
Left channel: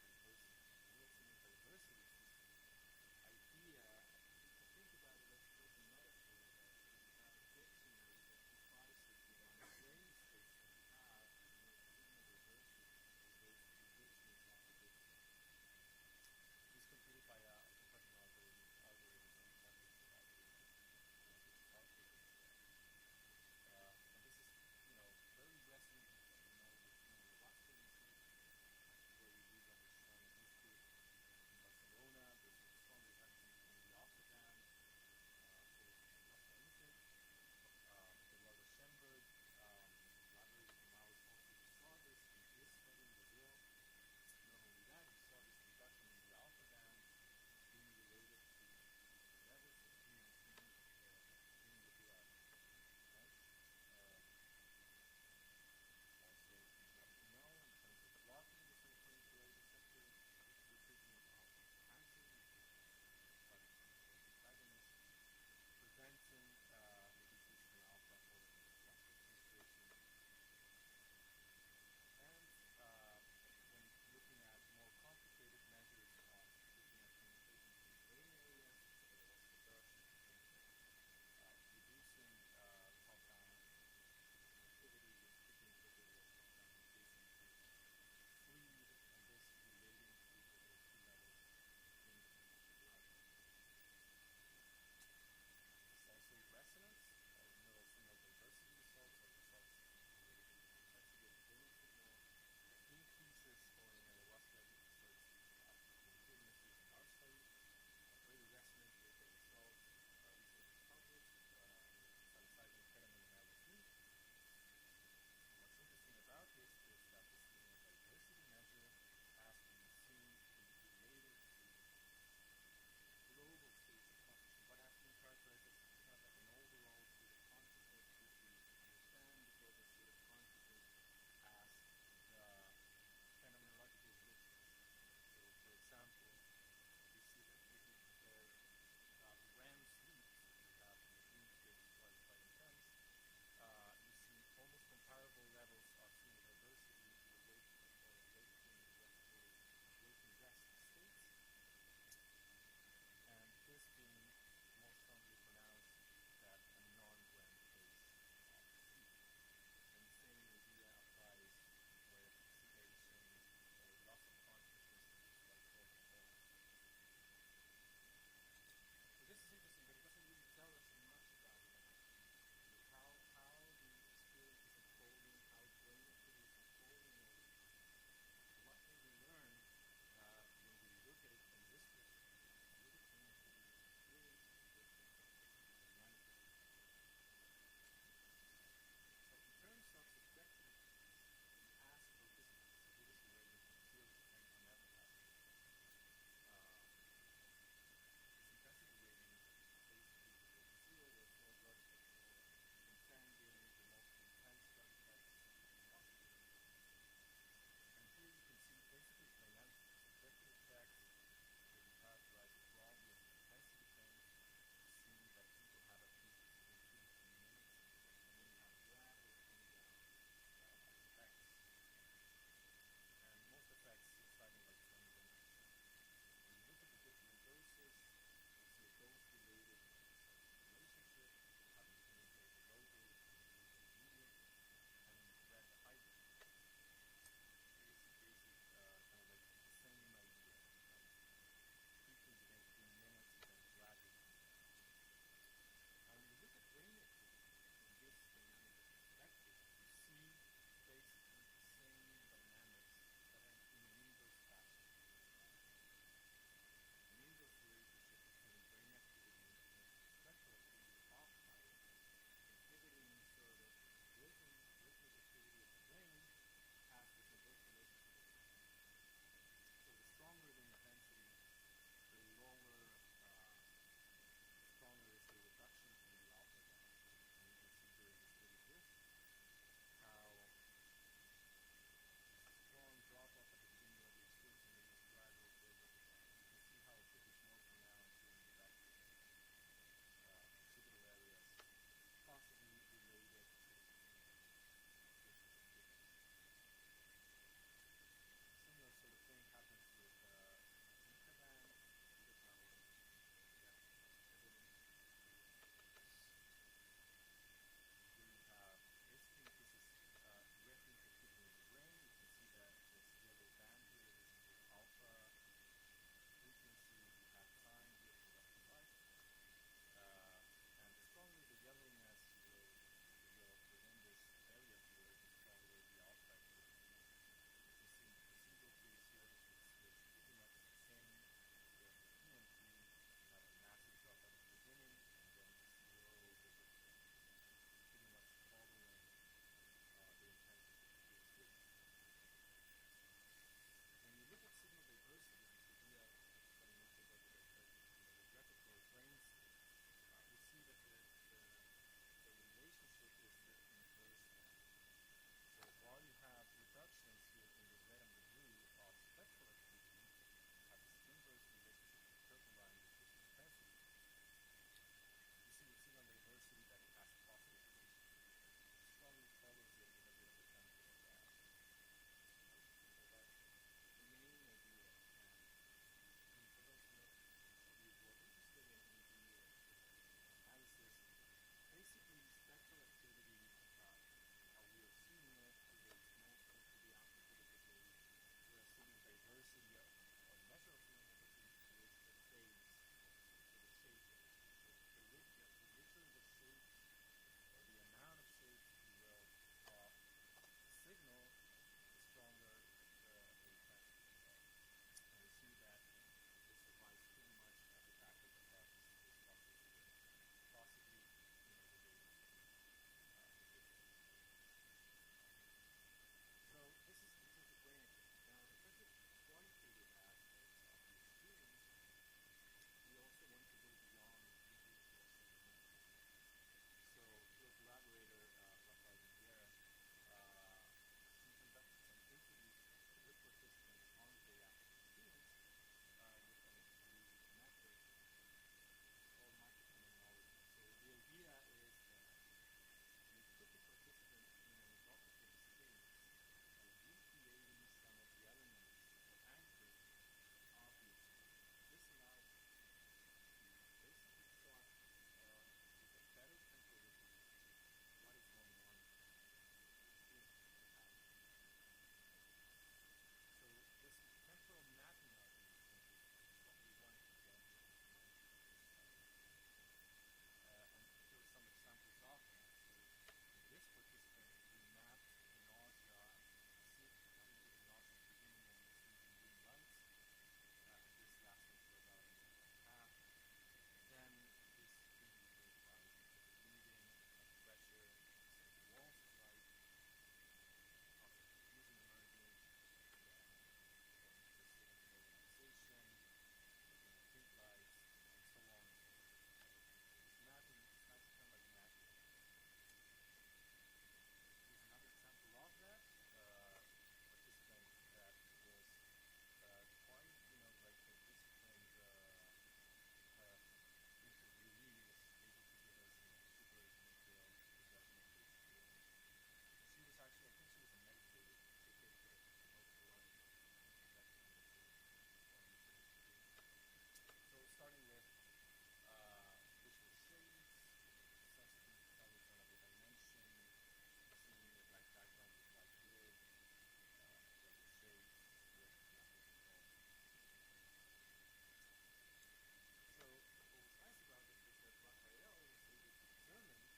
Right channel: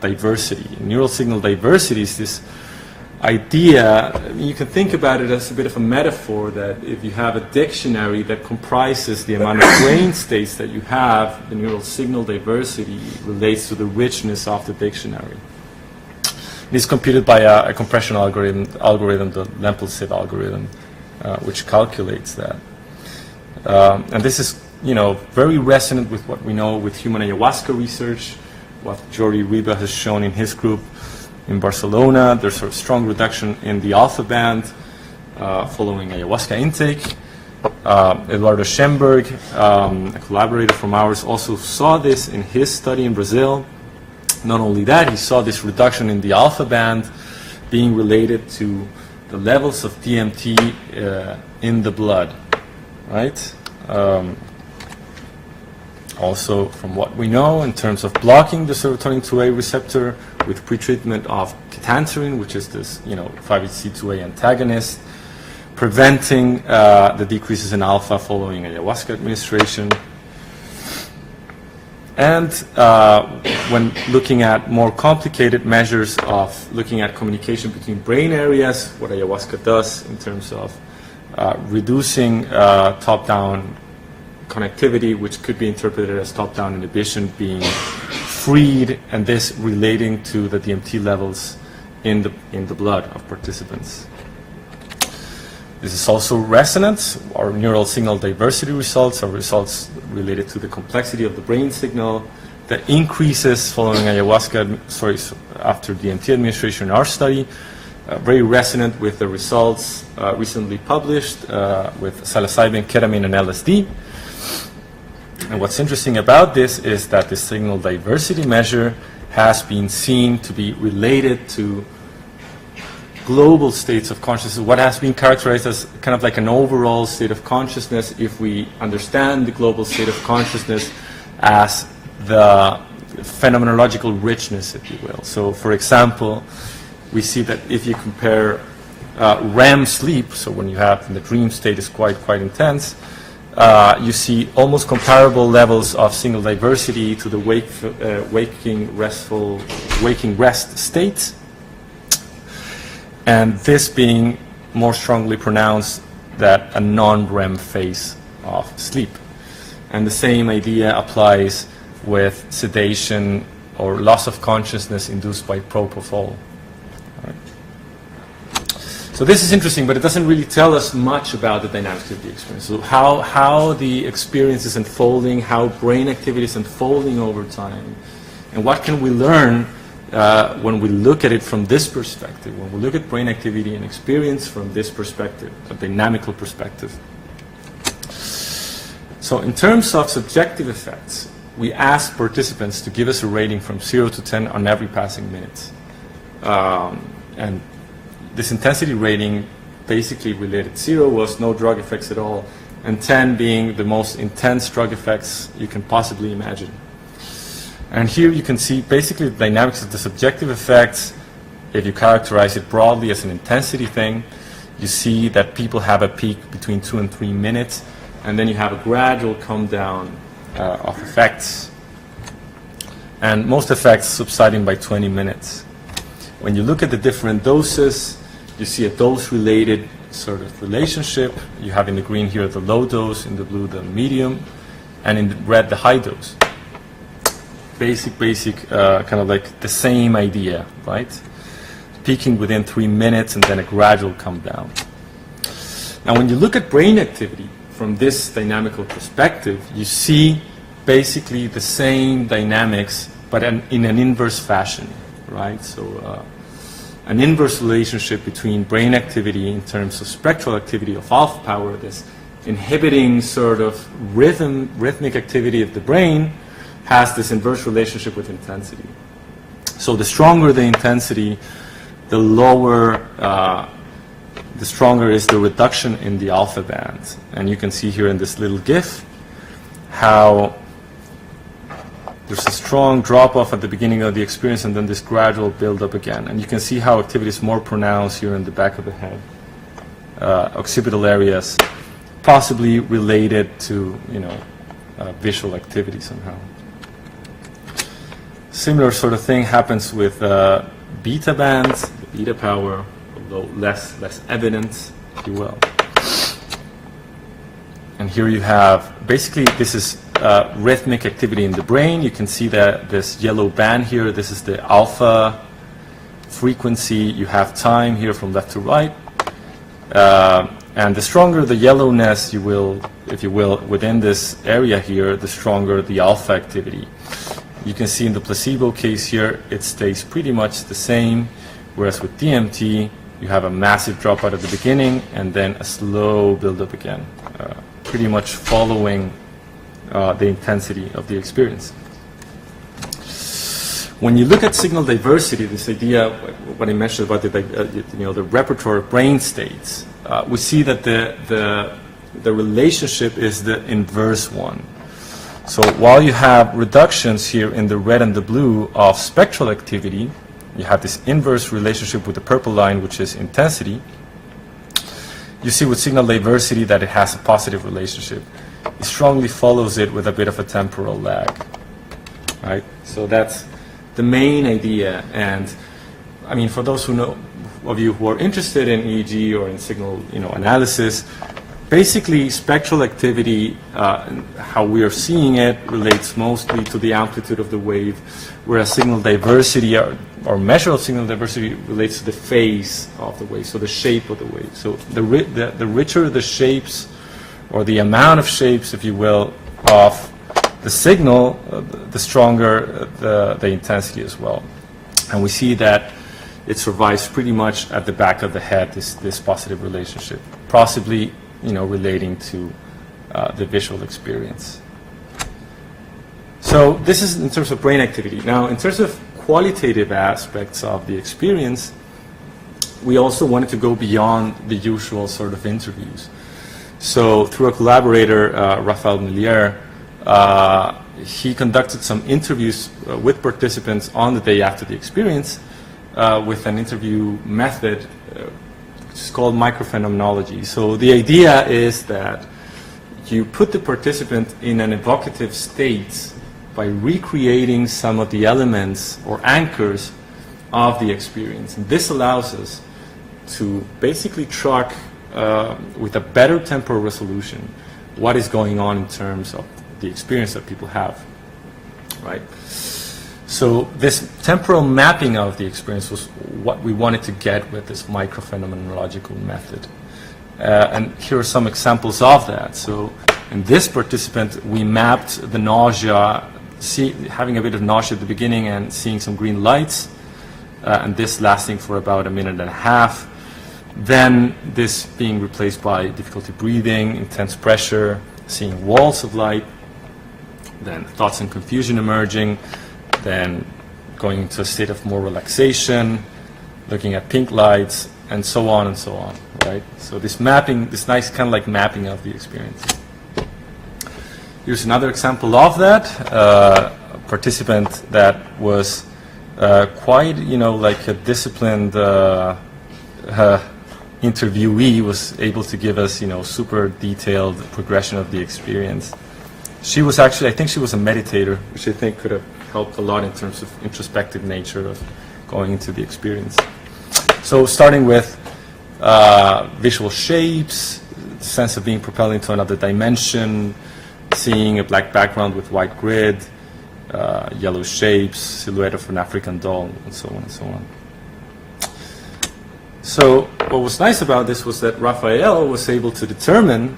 diversity. Neural signal diversity is this idea, you can think about it as a bit of a metaphor, that if you have a dictionary that comprises the amount of brain states that you have, the neural signal diversity relates to the richness of the dictionary. It is computed by a compression algorithm, the Lempel-Siv algorithm, which calculates that. And this is, very resonant with what we know with human ayahuasca research, what Jordi Riba has shown in his group in Barcelona. There's sort of strong reduction in the alpha band following ayahuasca intake. Eduardo Schemberg, a collaborator from ours, also saw this in his study in Brazil. Not only that, he saw this reduction in the alpha band being related to the levels of DMT in the blood, right? Also, from what we know in terms of blocking the serotonin 2A receptor with pretreatment of ketanserin, which is this, 5-HT2A antagonist, preventing the decreases in alpha following ayahuasca administration. And when looking at more complicated measures of looking at communication between brain areas, what ayahuasca does in terms of reducing top-down connectivity, which could be interpreted as top-down inhibition being freed, and this relating to the DMT levels in the blood of participants. This is also resonance. Our neural signal diversity results are results related to the complexity of the brain signal that increases following ayahuasca, after DMT administration in our study. Very resonant with the results recently published with psilocybin, ketamine, and LSD. And what's interesting about this is that the signal diversity measure has been seen to be related to global states of consciousness, what has been characterized as kind of like an overall state of consciousness, if we understand the global state of consciousness as the phenomenological richness, if you will. So, for example, we see that if you compare REM sleep, so when you have the dream state is quite intense, you see almost comparable levels of signal diversity to the waking rest state, and this being more strongly pronounced than a non-REM phase of sleep. And the same idea applies with sedation or loss of consciousness induced by propofol. So this is interesting, but it doesn't really tell us much about the dynamics of the experience. So how the experience is unfolding, how brain activity is unfolding over time, and what can we learn when we look at it from this perspective, when we look at brain activity and experience from this perspective, a dynamical perspective. So in terms of subjective effects, we asked participants to give us a rating from 0 to 10 on every passing minute. And this intensity rating basically related. 0 was no drug effects at all, and 10 being the most intense drug effects you can possibly imagine. And here you can see basically the dynamics of the subjective effects. If you characterize it broadly as an intensity thing, you see that people have a peak between 2 and 3 minutes, and then you have a gradual come down of effects, and most effects subsiding by 20 minutes. When you look at the different doses, you see a dose-related sort of relationship. You have in the green here the low dose, in the blue the medium, and in the red the high dose. Basic, kind of like the same idea, right? peaking within 3 minutes and then a gradual come down. Now, when you look at brain activity from this dynamical perspective, you see basically the same dynamics, but in an inverse fashion, right? So an inverse relationship between brain activity in terms of spectral activity of alpha power, this inhibiting sort of rhythmic activity of the brain, has this inverse relationship with intensity. So the stronger the intensity, the lower, the stronger is the reduction in the alpha bands. And you can see here in this little GIF how there's a strong drop-off at the beginning of the experience and then this gradual build-up again. And you can see how activity is more pronounced here in the back of the head, occipital areas, possibly related to, visual activity somehow. Similar sort of thing happens with beta bands, the beta power, although less evident, if you will. And here you have, basically this is rhythmic activity in the brain. You can see that this yellow band here, this is the alpha frequency. You have time here from left to right. And the stronger the yellowness, if you will, within this area here, the stronger the alpha activity. You can see in the placebo case here, it stays pretty much the same, whereas with DMT, you have a massive dropout at the beginning and then a slow build-up again, pretty much following the intensity of the experience. When you look at signal diversity, this idea, what I mentioned about the repertoire of brain states, we see that the relationship is the inverse one. So while you have reductions here in the red and the blue of spectral activity, you have this inverse relationship with the purple line, which is intensity. You see with signal diversity that it has a positive relationship. It strongly follows it with a bit of a temporal lag, right? So that's the main idea. And I mean, for those of you who are interested in EEG or in signal analysis, basically spectral activity, how we are seeing it, relates mostly to the amplitude of the wave, whereas signal diversity or measure of signal diversity relates to the phase of the wave, so the shape of the wave. So the richer the shapes, or the amount of shapes, if you will, of the signal, the stronger the intensity as well. And we see that it survives pretty much at the back of the head, this positive relationship, possibly relating to the visual experience. So this is in terms of brain activity. Now, in terms of qualitative aspects of the experience, we also wanted to go beyond the usual sort of interviews. So through a collaborator, Raphael Millier, he conducted some interviews with participants on the day after the experience with an interview method which is called microphenomenology. So the idea is that you put the participant in an evocative state by recreating some of the elements or anchors of the experience. And this allows us to basically track with a better temporal resolution what is going on in terms of the experience that people have, right? So this temporal mapping of the experience was what we wanted to get with this microphenomenological method. And here are some examples of that. So in this participant, we mapped the nausea, having a bit of nausea at the beginning and seeing some green lights, and this lasting for about 1.5 minutes. Then this being replaced by difficulty breathing, intense pressure, seeing walls of light, then thoughts and confusion emerging, then going into a state of more relaxation, looking at pink lights, and so on, right? So this mapping, this nice kind of like mapping of the experience. Here's another example of that. A participant that was quite, like a disciplined interviewee, was able to give us, super detailed progression of the experience. She was actually, I think she was a meditator, which I think could have helped a lot in terms of introspective nature of going into the experience. So starting with visual shapes, the sense of being propelled into another dimension, seeing a black background with white grid, yellow shapes, silhouette of an African doll, and so on and so on. So what was nice about this was that Raphael was able to determine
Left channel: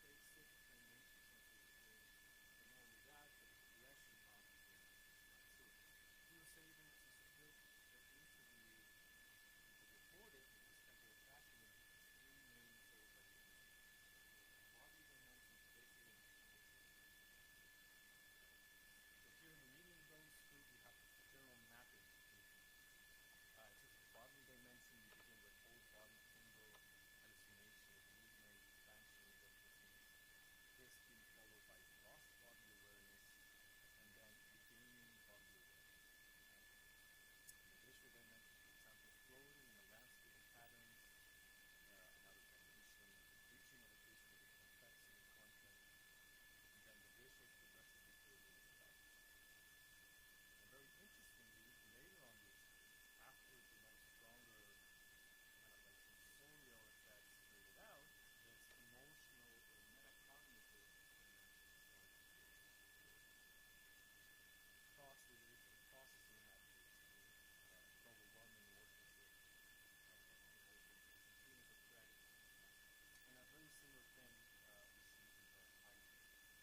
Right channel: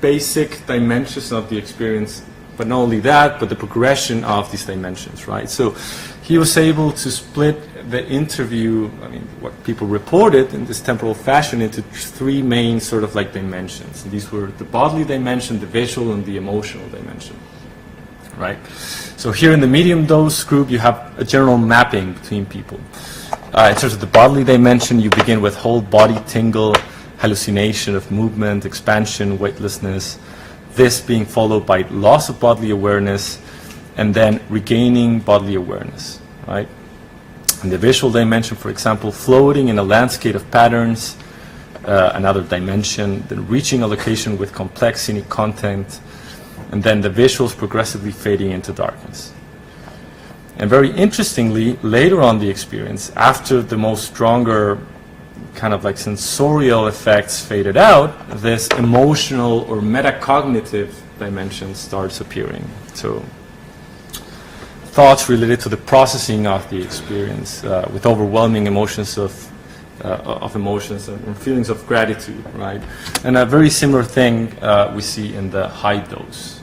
basic dimensions of the experience, but not only that, but the progression of these dimensions, right? So he was able to split the interview, I mean, what people reported in this temporal fashion, into three main sort of like dimensions. And these were the bodily dimension, the visual, and the emotional dimension, right? So here in the medium dose group, you have a general mapping between people. In terms of the bodily dimension, you begin with whole body tingle, hallucination of movement, expansion, weightlessness, this being followed by loss of bodily awareness, and then regaining bodily awareness, right? In the visual dimension, for example, floating in a landscape of patterns, another dimension, then reaching a location with complex scenic content, and then the visuals progressively fading into darkness. And very interestingly, later on the experience, after the most stronger kind of like sensorial effects faded out, this emotional or metacognitive dimension starts appearing. So thoughts related to the processing of the experience with overwhelming emotions of emotions and feelings of gratitude, right? And a very similar thing we see in the high dose.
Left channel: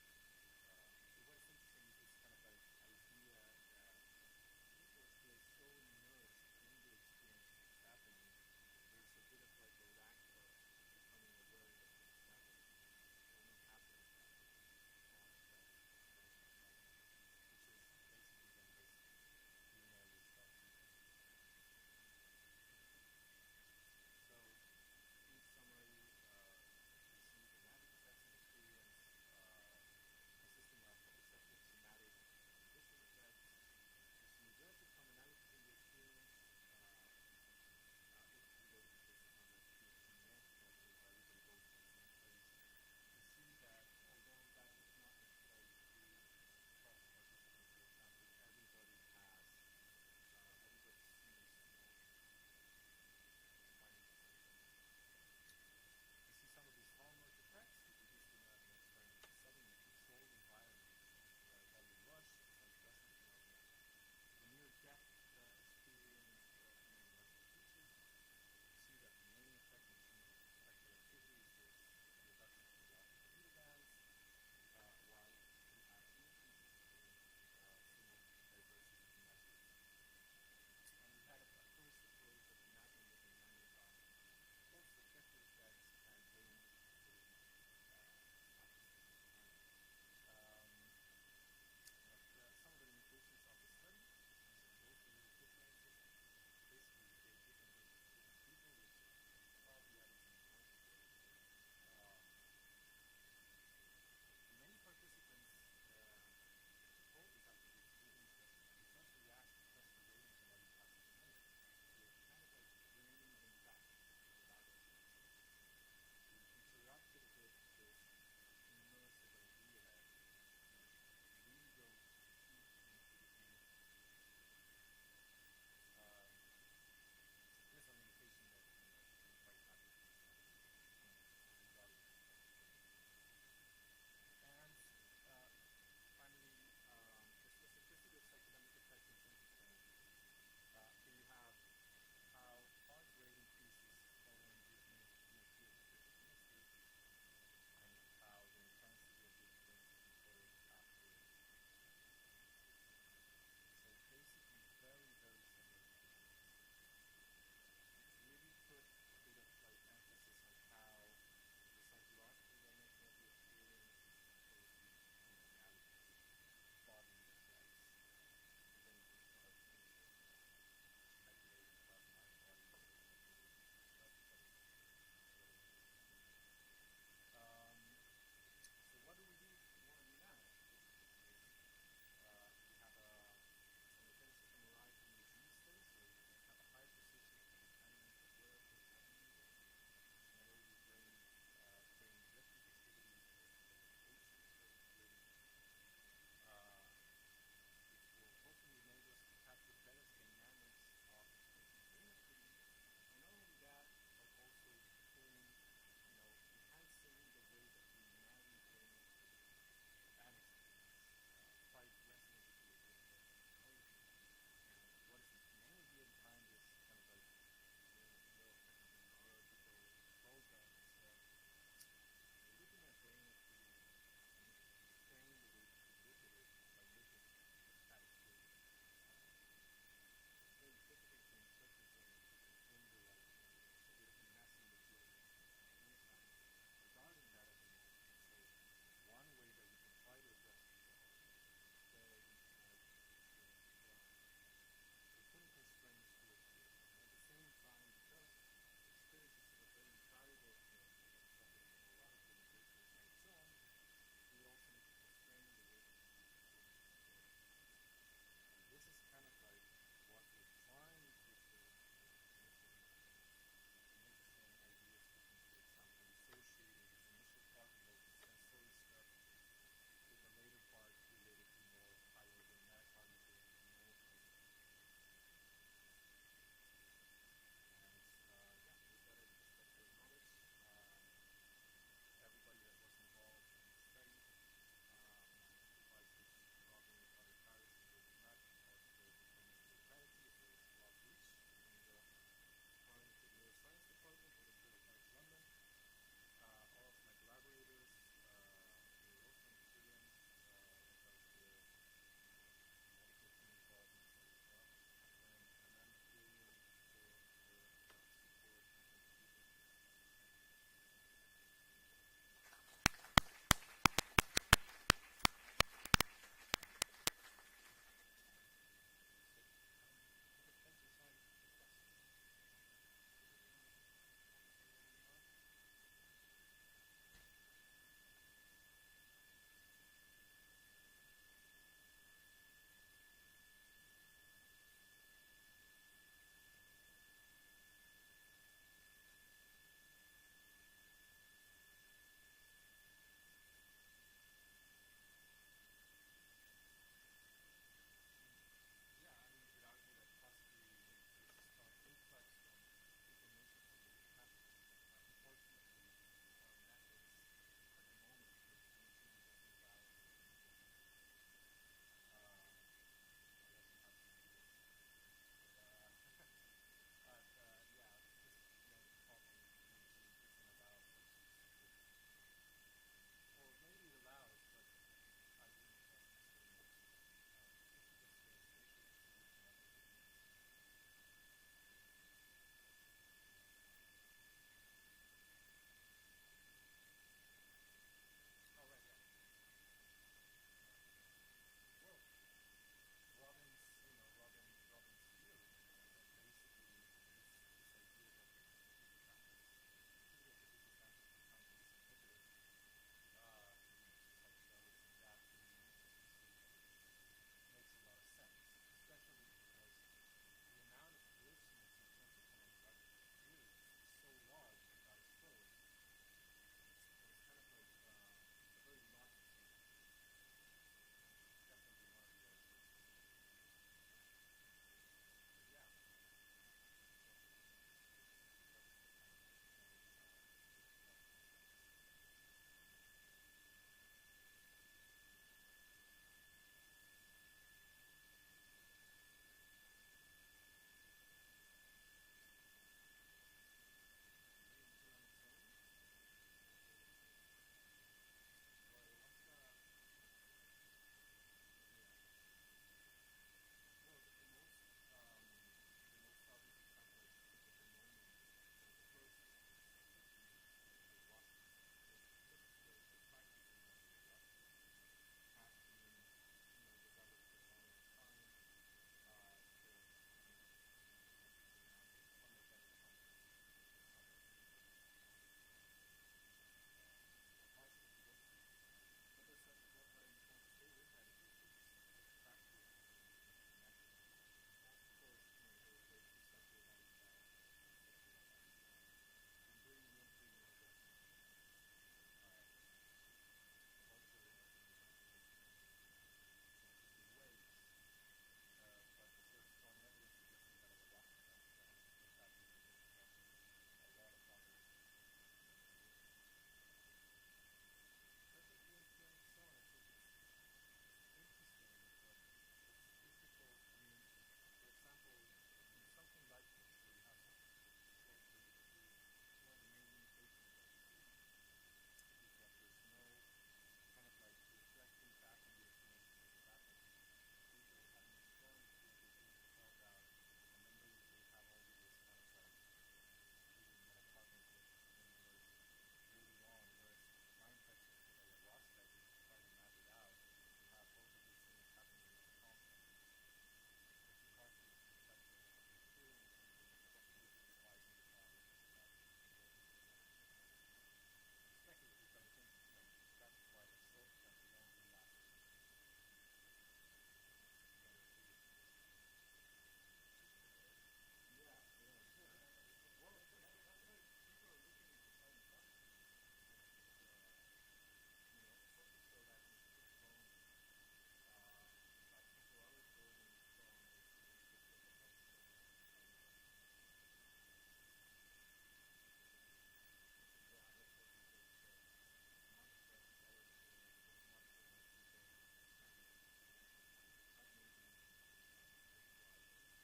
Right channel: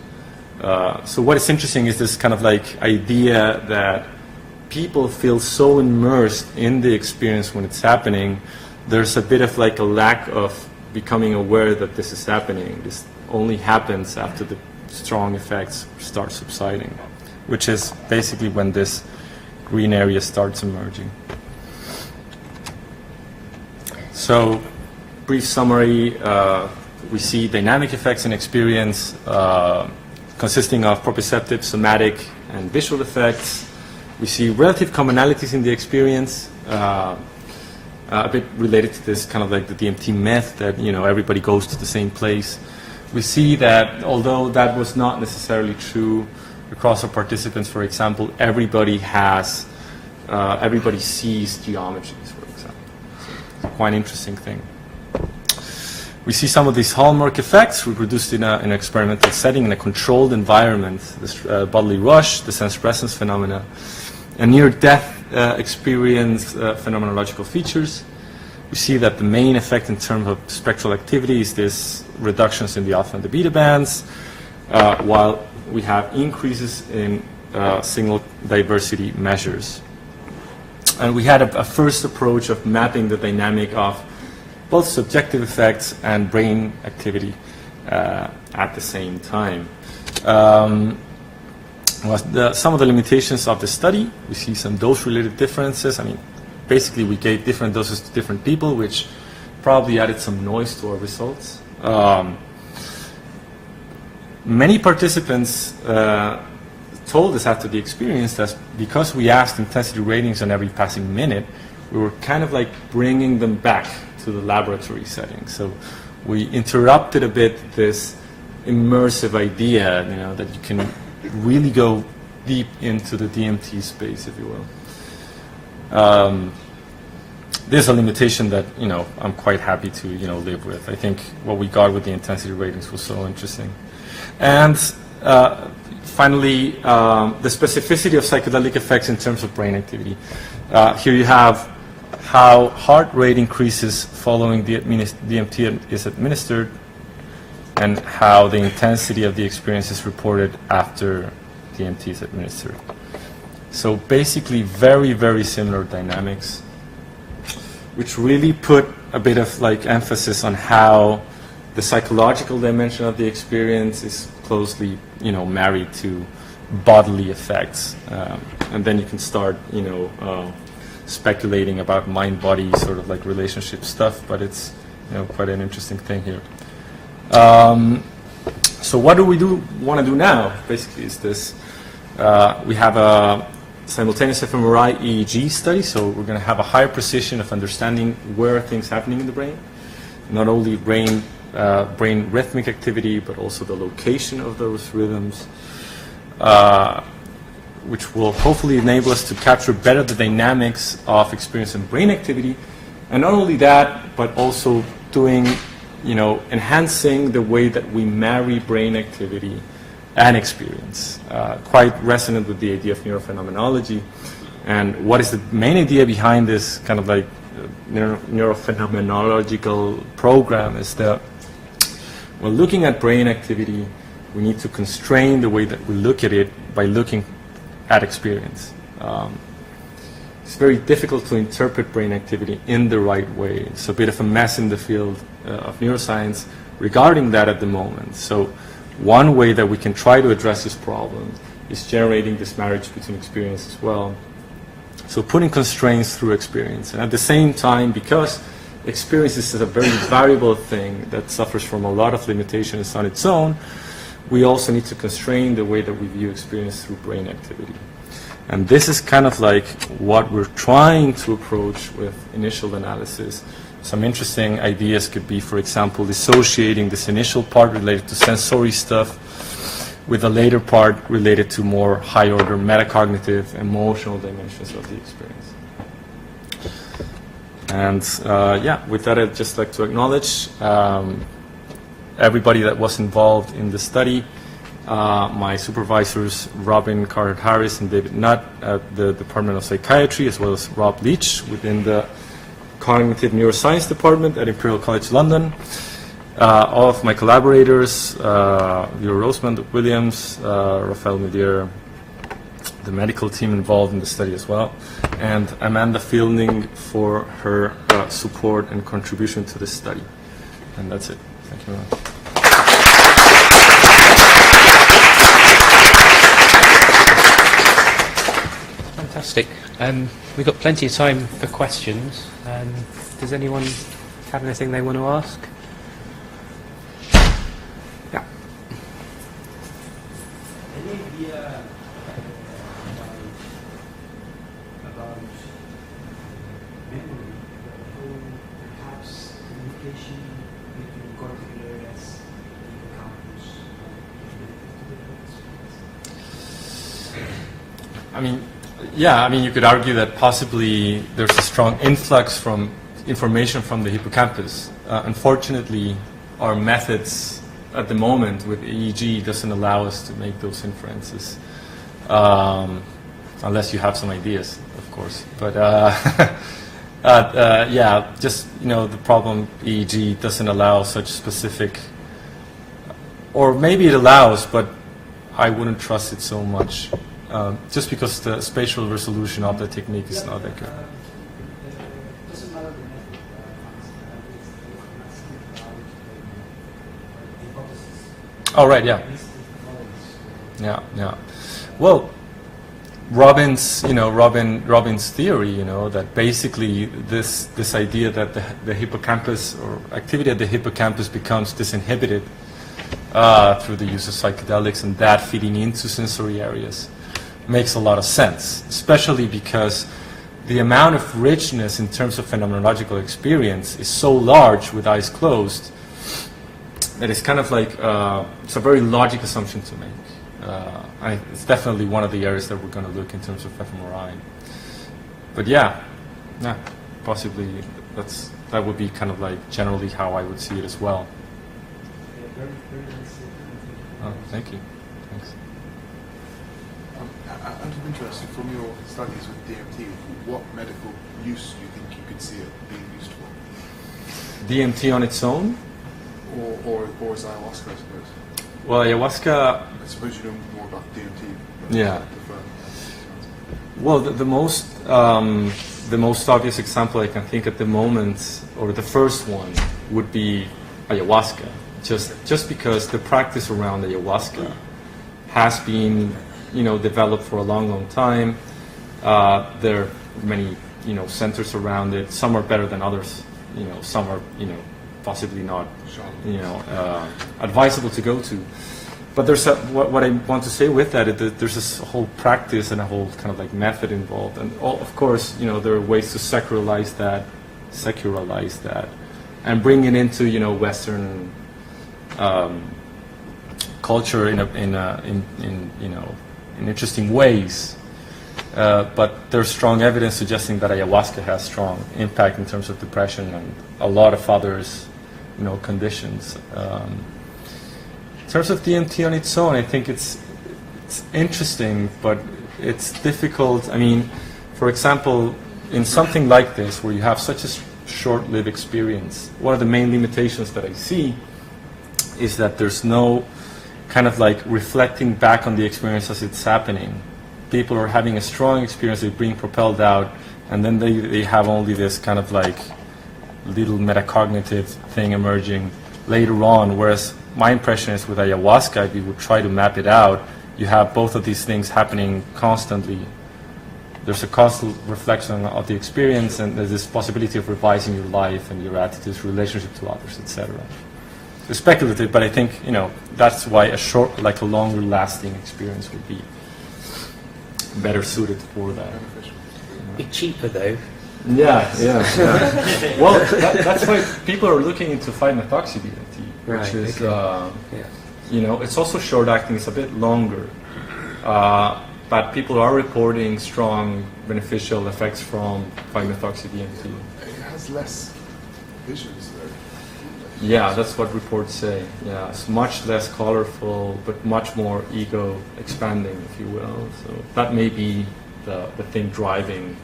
So what is interesting is this kind of like idea that people feel so immersed in the experience when it's happening, there's a bit of like a lack of becoming aware that this is happening. This only happens after the strong effects start subsiding, which is basically when this green area starts emerging. So, brief summary, we see dynamic effects in experience consisting of proprioceptive, somatic, and visual effects. We see relative commonalities in the experience, a bit related to this kind of like the DMT myth that, you know, everybody goes to the same place. We see that although that was not necessarily true across our participants, for example, everybody sees geometries, for example. So it's a quite interesting thing. We see some of these hallmark effects reproduced in an experimental setting, in a controlled environment, this bodily rush, the sense presence phenomena, and near-death experience phenomenological features. We see that the main effect in terms of spectral activity is this reductions in the alpha and the beta bands, while we have increases in signal diversity measures. And we had a first approach of mapping the dynamic of both subjective effects and brain activity at the same time. Some of the limitations of the study, we see some dose-related differences. I mean, basically we gave different doses to different people, which probably added some noise to our results. Many participants told us after the experience that because we asked intensity ratings on every passing minute, we were kind of like bringing them back to the laboratory setting. So we interrupted a bit this immersive idea, you know, that you can really go deep into the DMT space, if you will. There's a limitation that, you know, I'm quite happy to, you know, live with. I think what we got with the intensity ratings was so interesting. And finally, the specificity of psychedelic effects in terms of brain activity. Here you have how heart rate increases following the DMT is administered, and how the intensity of the experience is reported after DMT is administered. So basically very, very similar dynamics, which really put a bit of like emphasis on how the psychological dimension of the experience is closely, you know, married to bodily effects. And then you can start, you know, speculating about mind-body sort of like relationship stuff, but it's, you know, quite an interesting thing here. So what do we want to do now? Basically, is this, we have a simultaneous fMRI EEG study, so we're going to have a higher precision of understanding where are things happening in the brain, not only brain rhythmic activity, but also the location of those rhythms, which will hopefully enable us to capture better the dynamics of experience and brain activity, and not only that, but also doing, you know, enhancing the way that we marry brain activity and experience. Quite resonant with the idea of neurophenomenology. And what is the main idea behind this kind of like neurophenomenological program is that when looking at brain activity, we need to constrain the way that we look at it by looking at experience. It's very difficult to interpret brain activity in the right way. It's a bit of a mess in the field of neuroscience regarding that at the moment. So one way that we can try to address this problem is generating this marriage between experience as well. So putting constraints through experience. And at the same time, because experience is a very variable thing that suffers from a lot of limitations on its own, we also need to constrain the way that we view experience through brain activity. And this is kind of like what we're trying to approach with initial analysis. Some interesting ideas could be, for example, dissociating this initial part related to sensory stuff with a later part related to more high-order metacognitive, emotional dimensions of the experience. And yeah, with that, I'd just like to acknowledge everybody that was involved in the study. My supervisors, Robin Carter-Harris and David Nutt at the Department of Psychiatry, as well as Rob Leach within the Cognitive Neuroscience Department at Imperial College London. All of my collaborators, Leo Rosemond, Williams, Rafael Mudier, the medical team involved in the study as well, and Amanda Fielding for her support and contribution to this study. And that's it. Thank you very much. Fantastic. We've got plenty of time for questions. Does anyone have anything they want to ask? Yeah. Any idea about memory, or perhaps communication between cortical areas in the campus? I mean, yeah, I mean, you could argue that possibly there's a strong influx from information from the hippocampus. Unfortunately, our methods at the moment with EEG doesn't allow us to make those inferences, unless you have some ideas, of course. But yeah, just, you know, the problem EEG doesn't allow such specific, or maybe it allows, but I wouldn't trust it so much. Just because the spatial resolution of the technique is not that good. Doesn't matter the method. Oh, right, yeah. Yeah, yeah. Well, Robin's theory, you know, that basically this idea that the hippocampus or activity at the hippocampus becomes disinhibited through the use of psychedelics, and that feeding into sensory areas makes a lot of sense, especially because the amount of richness in terms of phenomenological experience is so large with eyes closed that it's kind of like, it's a very logical assumption to make. It's definitely one of the areas that we're going to look in terms of fMRI. But yeah, possibly that would be kind of like generally how I would see it as well. Oh, thank you. Thanks. Out of interest, from your studies with DMT, what medical use do you think you could see it being used for? DMT on its own? Or is ayahuasca, I suppose? Well, ayahuasca... I suppose you know more about DMT. Yeah. Well, the most obvious example I can think at the moment, or the first one, would be ayahuasca. Just because the practice around ayahuasca has been, you know, developed for a long time. There are many, you know, centers around it. Some are better than others. You know, some are, you know, possibly not, you know, advisable to go to. But there's what I want to say with that is that there's this whole practice and a whole kind of like method involved. And of course, you know, there are ways to secularize that, and bring it into, you know, Western culture in interesting ways. But there's strong evidence suggesting that ayahuasca has strong impact in terms of depression and a lot of others, you know, conditions. In terms of DMT on its own, I think it's interesting, but it's difficult. I mean, for example, in something like this, where you have such a short-lived experience, one of the main limitations that I see is that there's no kind of like reflecting back on the experience as it's happening. People are having a strong experience, they're being propelled out, and then they have only this kind of like little metacognitive thing emerging later on, whereas my impression is with ayahuasca, if you would try to map it out, you have both of these things happening constantly. There's a constant reflection of the experience, and there's this possibility of revising your life and your attitudes, relationship to others, etc. It's speculative, but I think, you know, that's why a short, like a longer lasting experience would be better suited for that. Be cheaper though. Yeah. Well, that's why people are looking into 5-methoxy DMT, which Right, is, okay. you know, it's also short acting, it's a bit longer. But people are reporting strong beneficial effects from 5-methoxy DMT. It has less visions, though. Yeah, that's what reports say. Yeah, it's much less colorful, but much more ego expanding, if you will. So that may be the thing driving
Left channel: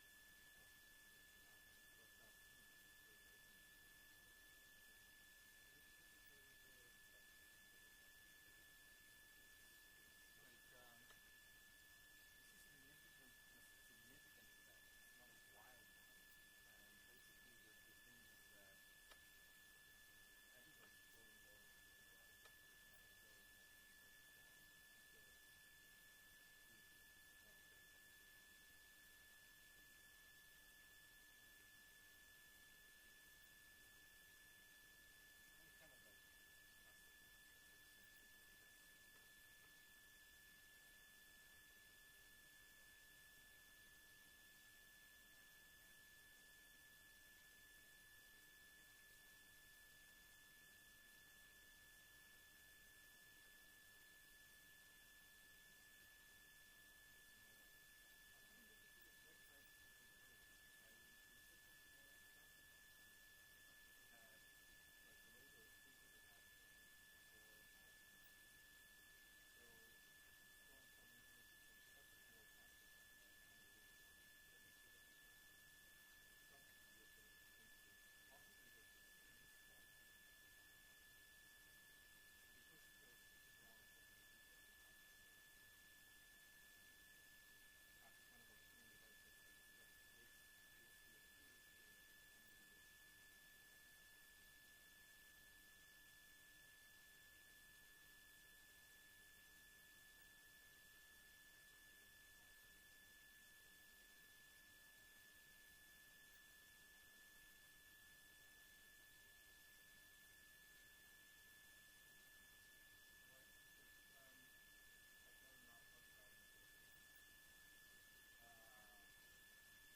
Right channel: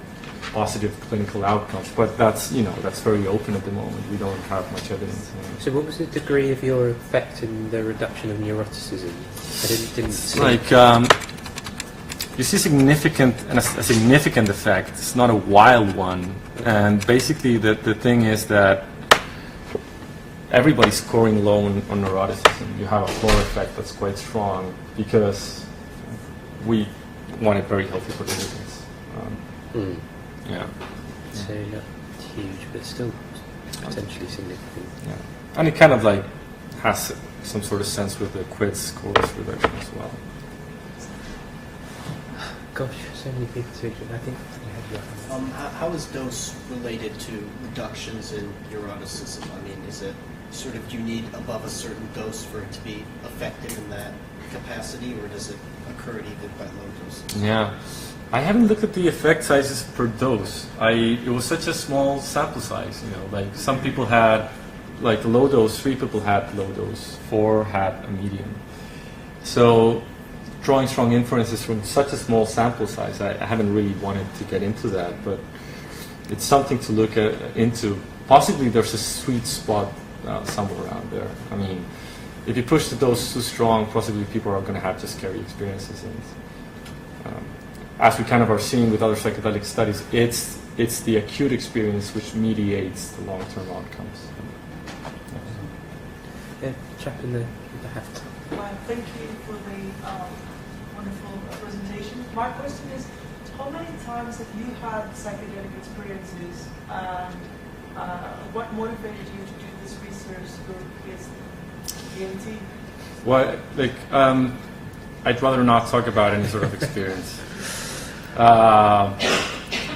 positive clinical outcomes. But that's, you know, that's very open at the moment. We don't have much evidence. So what was the degree of your effect in the reduction of neuroticism? I didn't see. Like, you see a significant effect. It's not a wild one. And basically the thing is that everybody's scoring low on neuroticism. You have a floor effect that's quite strong because we wanted very healthy participants. Yeah. So not huge, but still potentially significant. Yeah. And it kind of like has some sort of sense with the quiz scores reduction as well. Gosh, so many people to I think you had your hand. How is dose related to reductions in neuroticism? I mean, is it sort of, do you need above a certain dose for it to be effective in that capacity, or does it occur at even quite low doses? Yeah. I haven't looked at the effect sizes per dose. It was such a small sample size, you know, like some people had like low dose, 3 people had low dose, 4 had a medium. So drawing strong inferences from such a small sample size, I haven't really wanted to get into that, but it's something to look into. Possibly there's a sweet spot somewhere around there. I mean, if you push the dose too strong, possibly people are going to have just scary experiences. And as we kind of are seeing with other psychedelic studies, it's the acute experience which mediates the long-term outcomes. Yeah, chap in the hat. Thank you for the wonderful presentation. My question is, how many times have you had psychedelic experiences, and what motivated you to do this research against DMT? Well, like, I'd rather not talk about any sort of experience.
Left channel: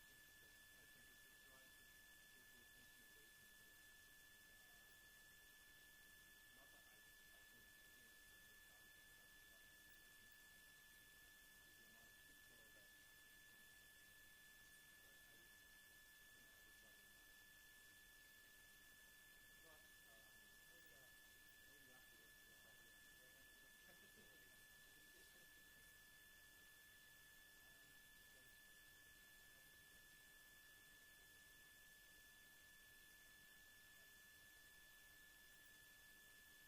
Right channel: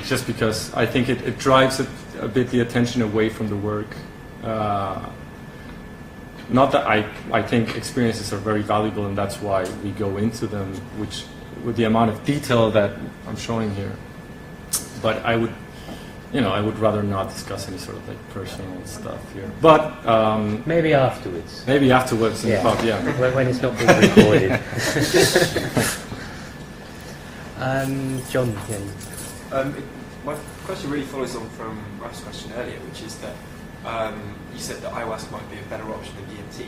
Just because I think it drives a bit the attention away from the work. Not that I think experiences are very valuable, and that's why we go into them, which with the amount of detail that I'm showing here. But I would rather not discuss any sort of like personal stuff here. But Maybe afterwards. maybe afterwards. Yeah. Yeah. When it's not being recorded. John, yeah. My question really follows on from Ralph's question earlier, which is that you said that ayahuasca might be a better option than DMT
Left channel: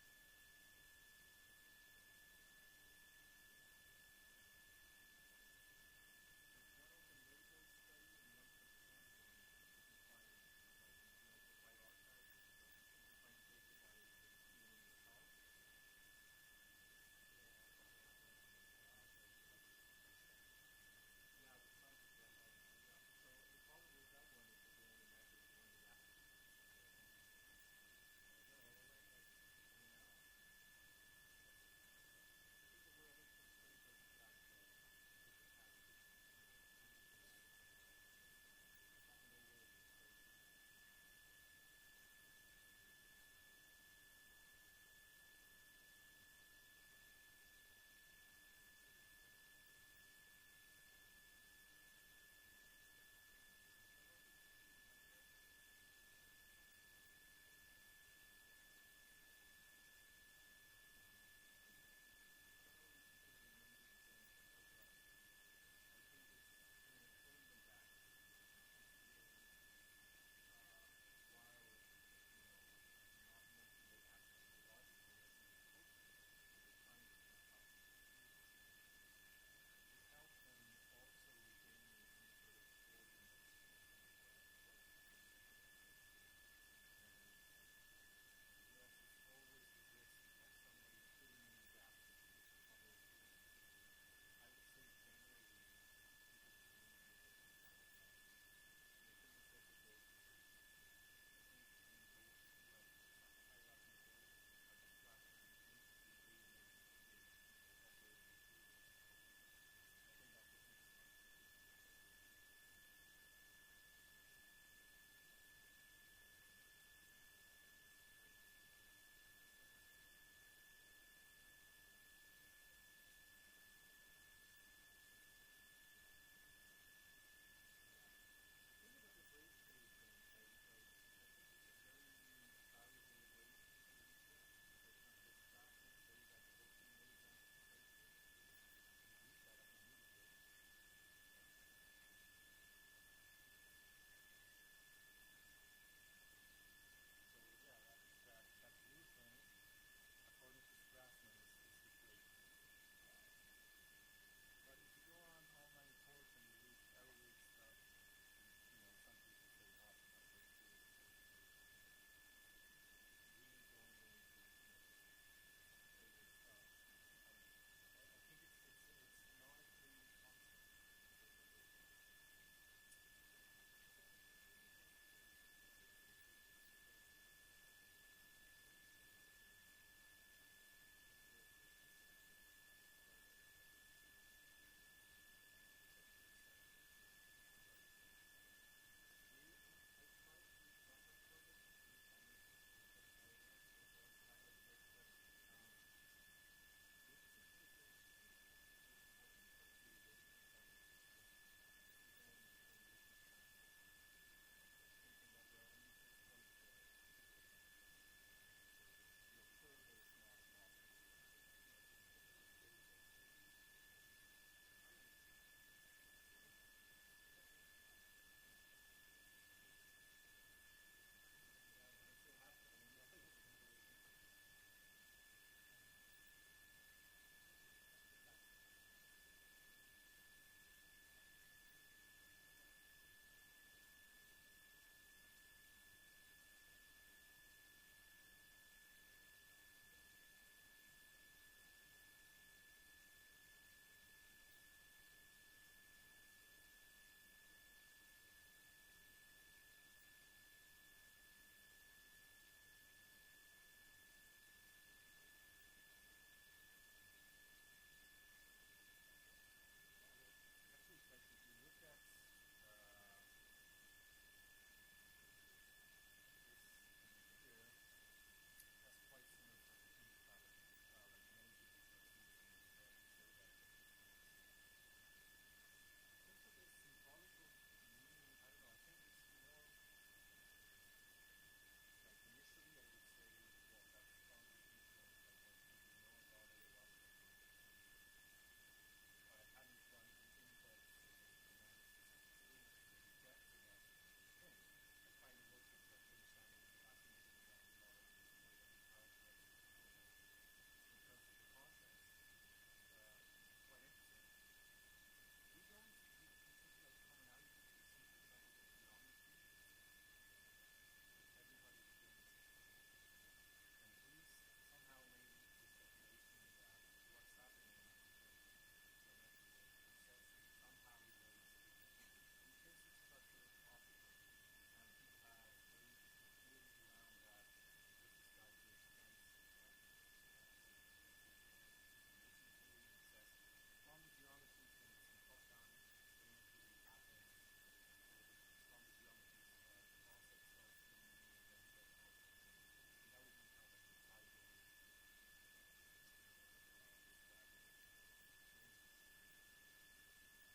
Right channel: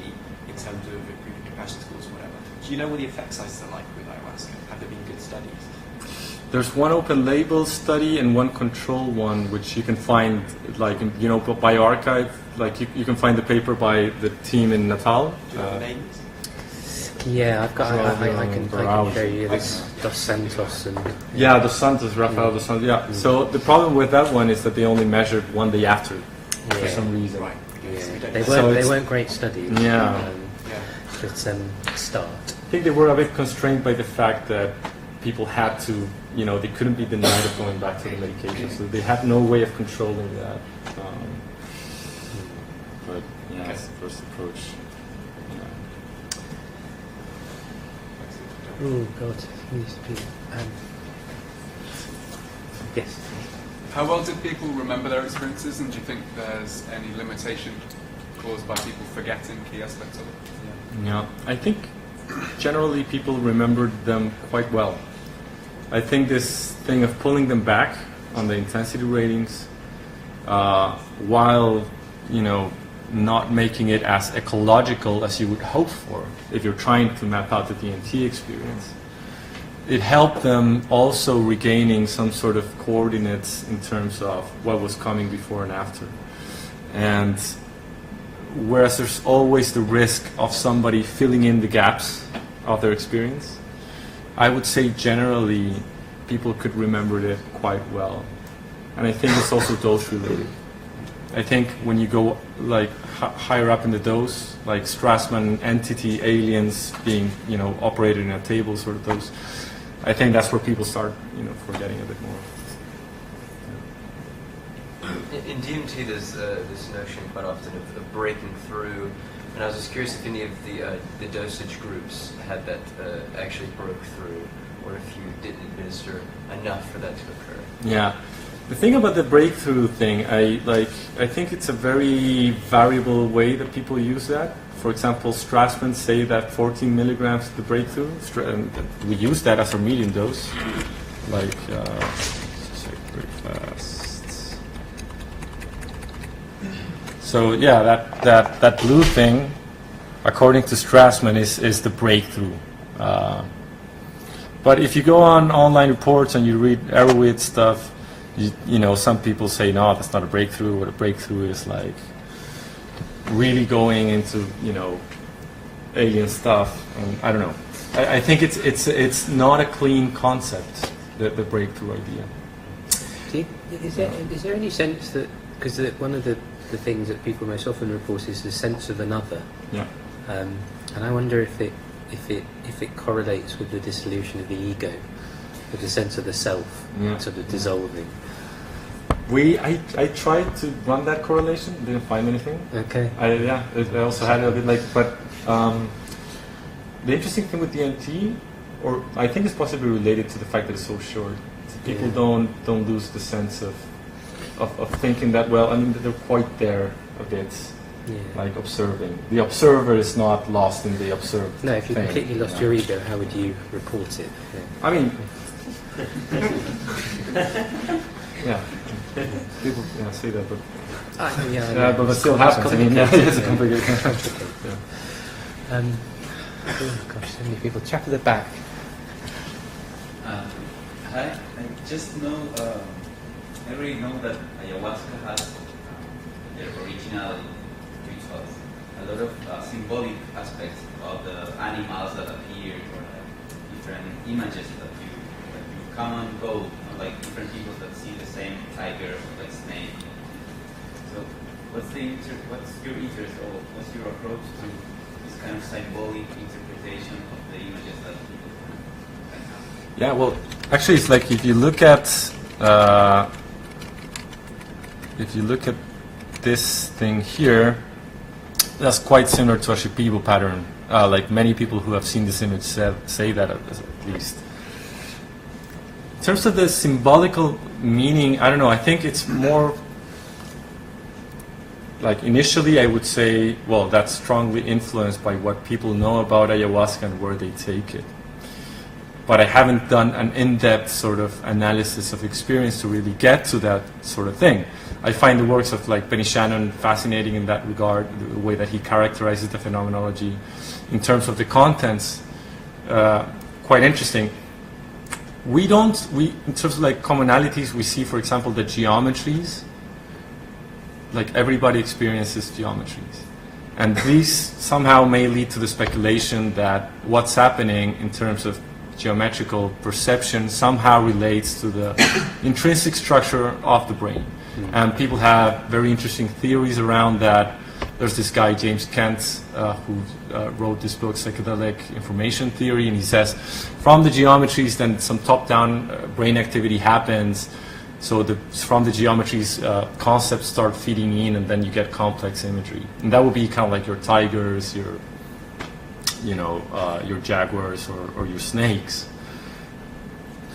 in terms of improving compassion scores or whatever. Do you know what the effect sizes are like with ayahuasca? Have there been good studies? There's one open label study and one control one, which you can find, like, you know, by archive. Like, you can find the paper by the team in Natal. Do you know the names? Yeah, I've got. I can Browse. show you this Dos Santos and. Yeah, Dos Santos, Rafael Dos Santos. Yeah. So the problem with that one is that they only measured one day after, for some reason. Right. Yeah. So we don't They know. So weren't. They it's- weren't great studies. Yeah. Yeah. But start. I think they were a bit constrained by the fact that people had to, you know, they couldn't be denied of going back to the medication, so they had no way of controlling that. But yeah, that's the first approach. Oh God, used to be. Yes. How well did people remember their experiences, and do you think there's any limitation caused by people forgetting key aspects of it? Yeah, I think generally people remembered them quite well. I think this thing of pulling them back on the intensity ratings, while not making it as ecological as you would hope for if you're trying to map out the DMT experience. It helped them also regaining some sort of coordinates in terms of what was coming before and after. And whereas there's always the risk of somebody filling in the gaps of their experience, I would say generally people could remember it quite well. And I think it's also dose related. I think when you go like higher up in the dose, like Strassman entity aliens being operated in a table sort of dose, I think that's where people start forgetting a bit more. In DMT, there's this notion quite often of breaking through, and I was just curious if any of the dosage groups had that actually broke through, or if you didn't administer enough for that to occur. Yeah. The thing about the breakthrough thing, I think it's a very variable way that people use that. For example, Strassman say that 14 milligrams is the breakthrough. We use that as our medium dose. Like, let's check very fast. So yeah, that blue thing, according to Strassman, is the breakthrough. But if you go on online reports and you read Arrowhead stuff, some people say, no, that's not a breakthrough. What a breakthrough is like really going into, alien stuff. And I don't know. I think it's not a clean concept, the breakthrough idea. Is there any sense that, because one of the things that people most often report is the sense of another. Yeah. And I wonder if it correlates with the dissolution of the ego, with the sense of the self sort of dissolving. I tried to run that correlation, didn't find anything. Okay. I also had a bit but the interesting thing with DMT, or I think it's possibly related to the fact that it's so short. People don't lose the sense of thinking that well. I mean, they're quite there a bit. Yeah. Like observing. The observer is not lost in the observed. No, if you completely lost your ego, how would you report it? Yeah. I mean, yeah, people say that, but but it still happens. I mean, it's a complicated. Oh gosh, so many people. Chap at the back. Hi, I just know. I already know that ayahuasca has the original rituals, a lot of symbolic aspects of the animals that appear, or different images that you come and go, like different people that see the same tiger or like snake. So, what's your interest, or what's your approach to this kind of symbolic interpretation of the images that people can have? Yeah, well, actually, it's like if you look at this thing here, that's quite similar to a Shipibo pattern. Like many people who have seen this image say that at least. In terms of the symbolical meaning, I don't know. I think it's more like initially I would say, well, that's strongly influenced by what people know about ayahuasca and where they take it. But I haven't done an in-depth sort of analysis of experience to really get to that sort of thing. I find the works of like Benny Shannon fascinating in that regard, the way that he characterizes the phenomenology. In terms of the contents, quite interesting. In terms of like commonalities, we see, for example, the geometries. Like everybody experiences geometries. And these somehow may lead to the speculation that what's happening in terms of geometrical perception somehow relates to the intrinsic structure of the brain. And people have very interesting theories around that. There's this guy, James Kent, who wrote this book, Psychedelic Information Theory, and he says from the geometries then some top-down brain activity happens. So from the geometries, concepts start feeding in, and then you get complex imagery. And that would be kind of like your tigers, your jaguars, or your snakes.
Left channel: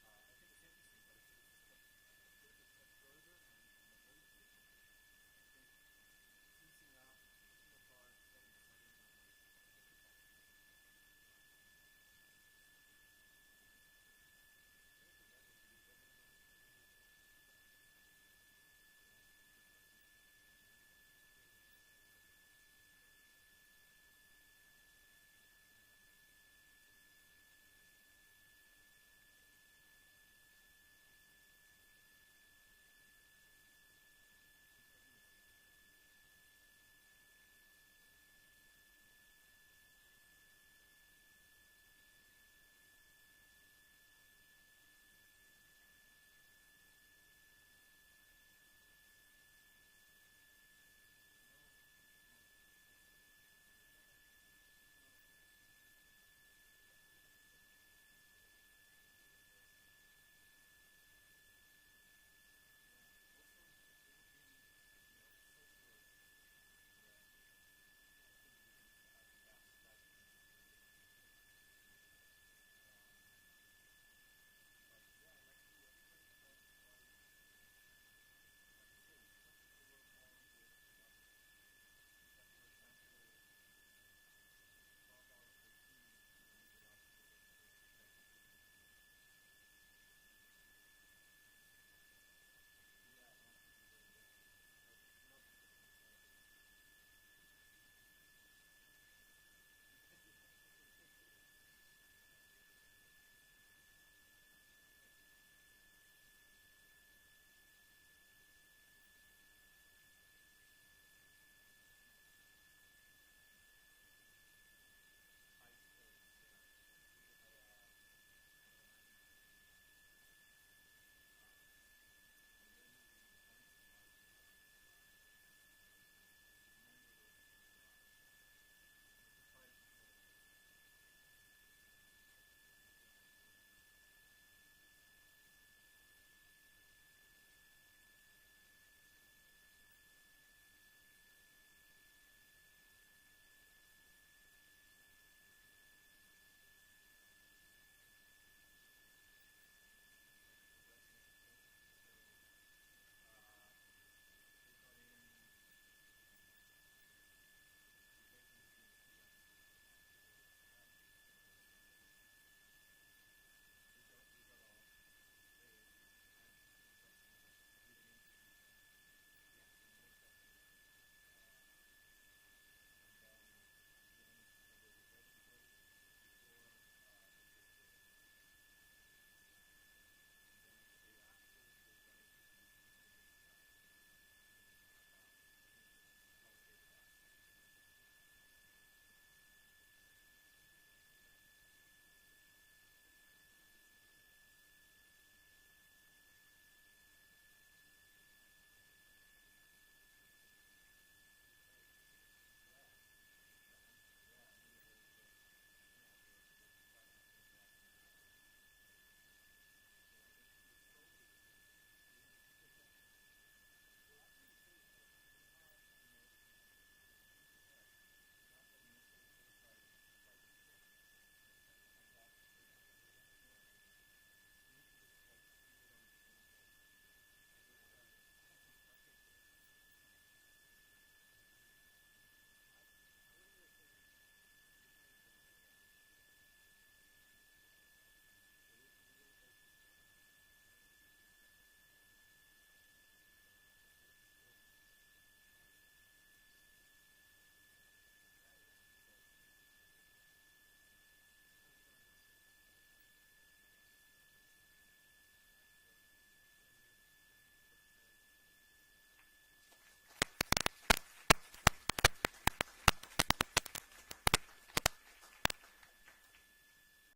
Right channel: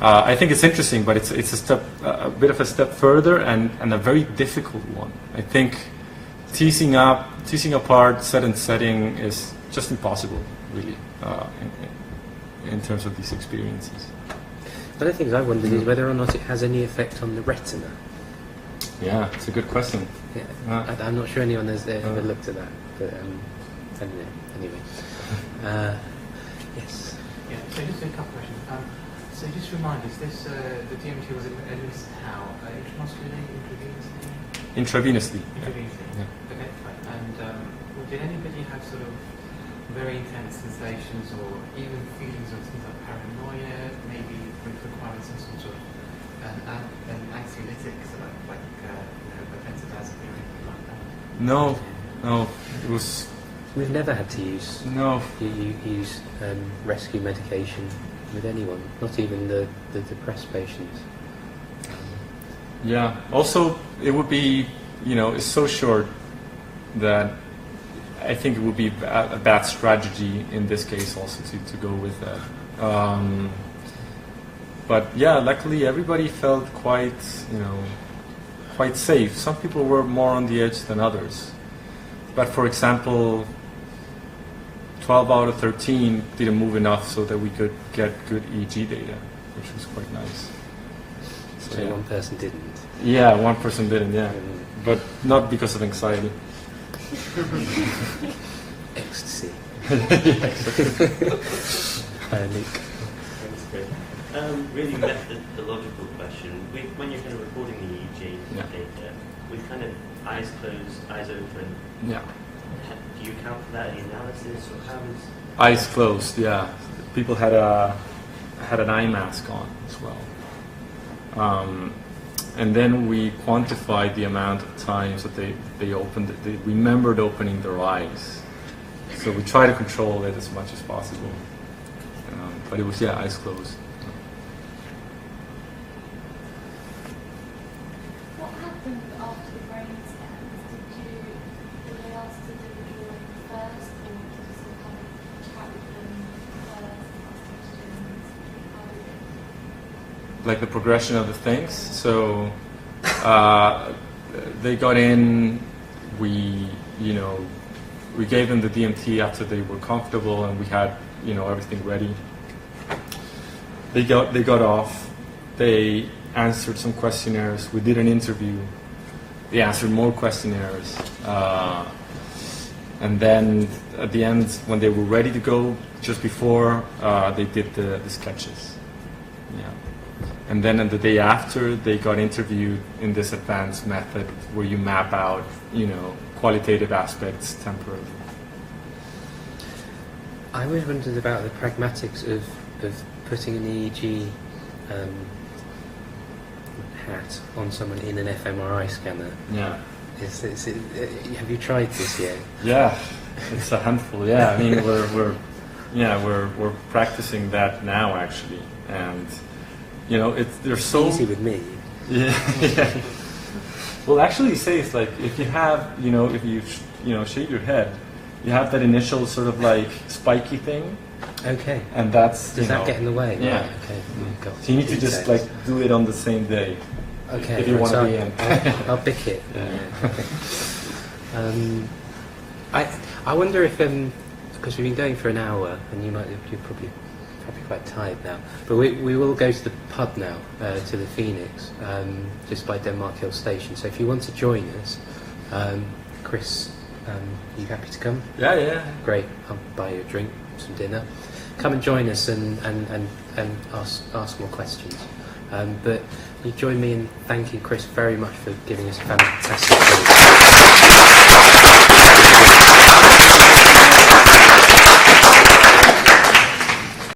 I think it's interesting, but it's a bit of a step further and a very difficult one. I think teasing apart set and setting is just impossible, really, in terms of these experiences. One of the things I wondered is whether or not it has any effect on the retina. Yeah, it's a good question. Yeah. I'm not sure anyone has ever looked at that, but anyway. Yes. Yeah, so just a couple questions. So just remind us, the DMT was administered how? Intramuscularly, intravenously? Intravenously. Intravenously. Yeah. Okay, fine. And did anybody have sort of very intense sensations or even feelings of things like paranoia, maybe requiring some sort of an anxiolytic, so like benzodiazepine or anything like that? No, it was. We've never had to use use rescue medication with anyone, not even the depressed patients. Yeah. Also, it would be, it's so short that I think it would be a bad strategy in this case also to go with that. But yeah, luckily everybody felt quite safe. Some people were more on the edge than others. But for example, 12 out of 13 didn't move enough so that we could get good EEG data, which was quite nice. So one person didn't. Yeah, one person didn't, yeah. But not because of anxiety. Ecstasy. Really methodological question. When you're kind of recording the EEG data, with kind of eyes closed, eyes open, yeah. Do you account for that in the analysis, or how is? Eyes closed, yeah. People had an eye mask on as well. And then we quantified the amount of times that they opened it. They remembered opening their eyes. So we try to control it as much as possible. But it was, eyes closed. What happened after the brain scans? Did they ask to do the drawing first, or did you sort of kind of chat with them first, ask questions? How did it? Like the progression of the things. So they got in, we gave them the DMT after they were comfortable, and we had everything ready. They got off. They answered some questionnaires. We did an interview. They answered more questionnaires. And then at the end, when they were ready to go, just before, they did the sketches. Yeah. And then on the day after, they got interviewed in this advanced method where you map out, qualitative aspects temporarily. I always wondered about the pragmatics of putting an EEG hat on someone in an fMRI scanner. Yeah. Have you tried this yet? Yeah, it's a handful. Yeah, I mean we're practicing that now actually, and they're so easy with me. Yeah. Well, actually, you say it's like if you have if you shave your head, you have that initial sort of like spiky thing. Okay. And that's does that get in the way? Yeah. Right, okay. So you need to just like do it on the same day. Okay. If you want to be in. I'll pick it. Yeah. I wonder if because we've been going for an hour and you're probably quite tired now, but we will go to the pub now, to the Phoenix, just by Denmark Hill Station. So if you want to join us, Chris, are you happy to come? Yeah. Great. I'll buy you a drink, some dinner. Come and join us and ask more questions. But you join me in thanking Chris very much for giving us a fantastic talk.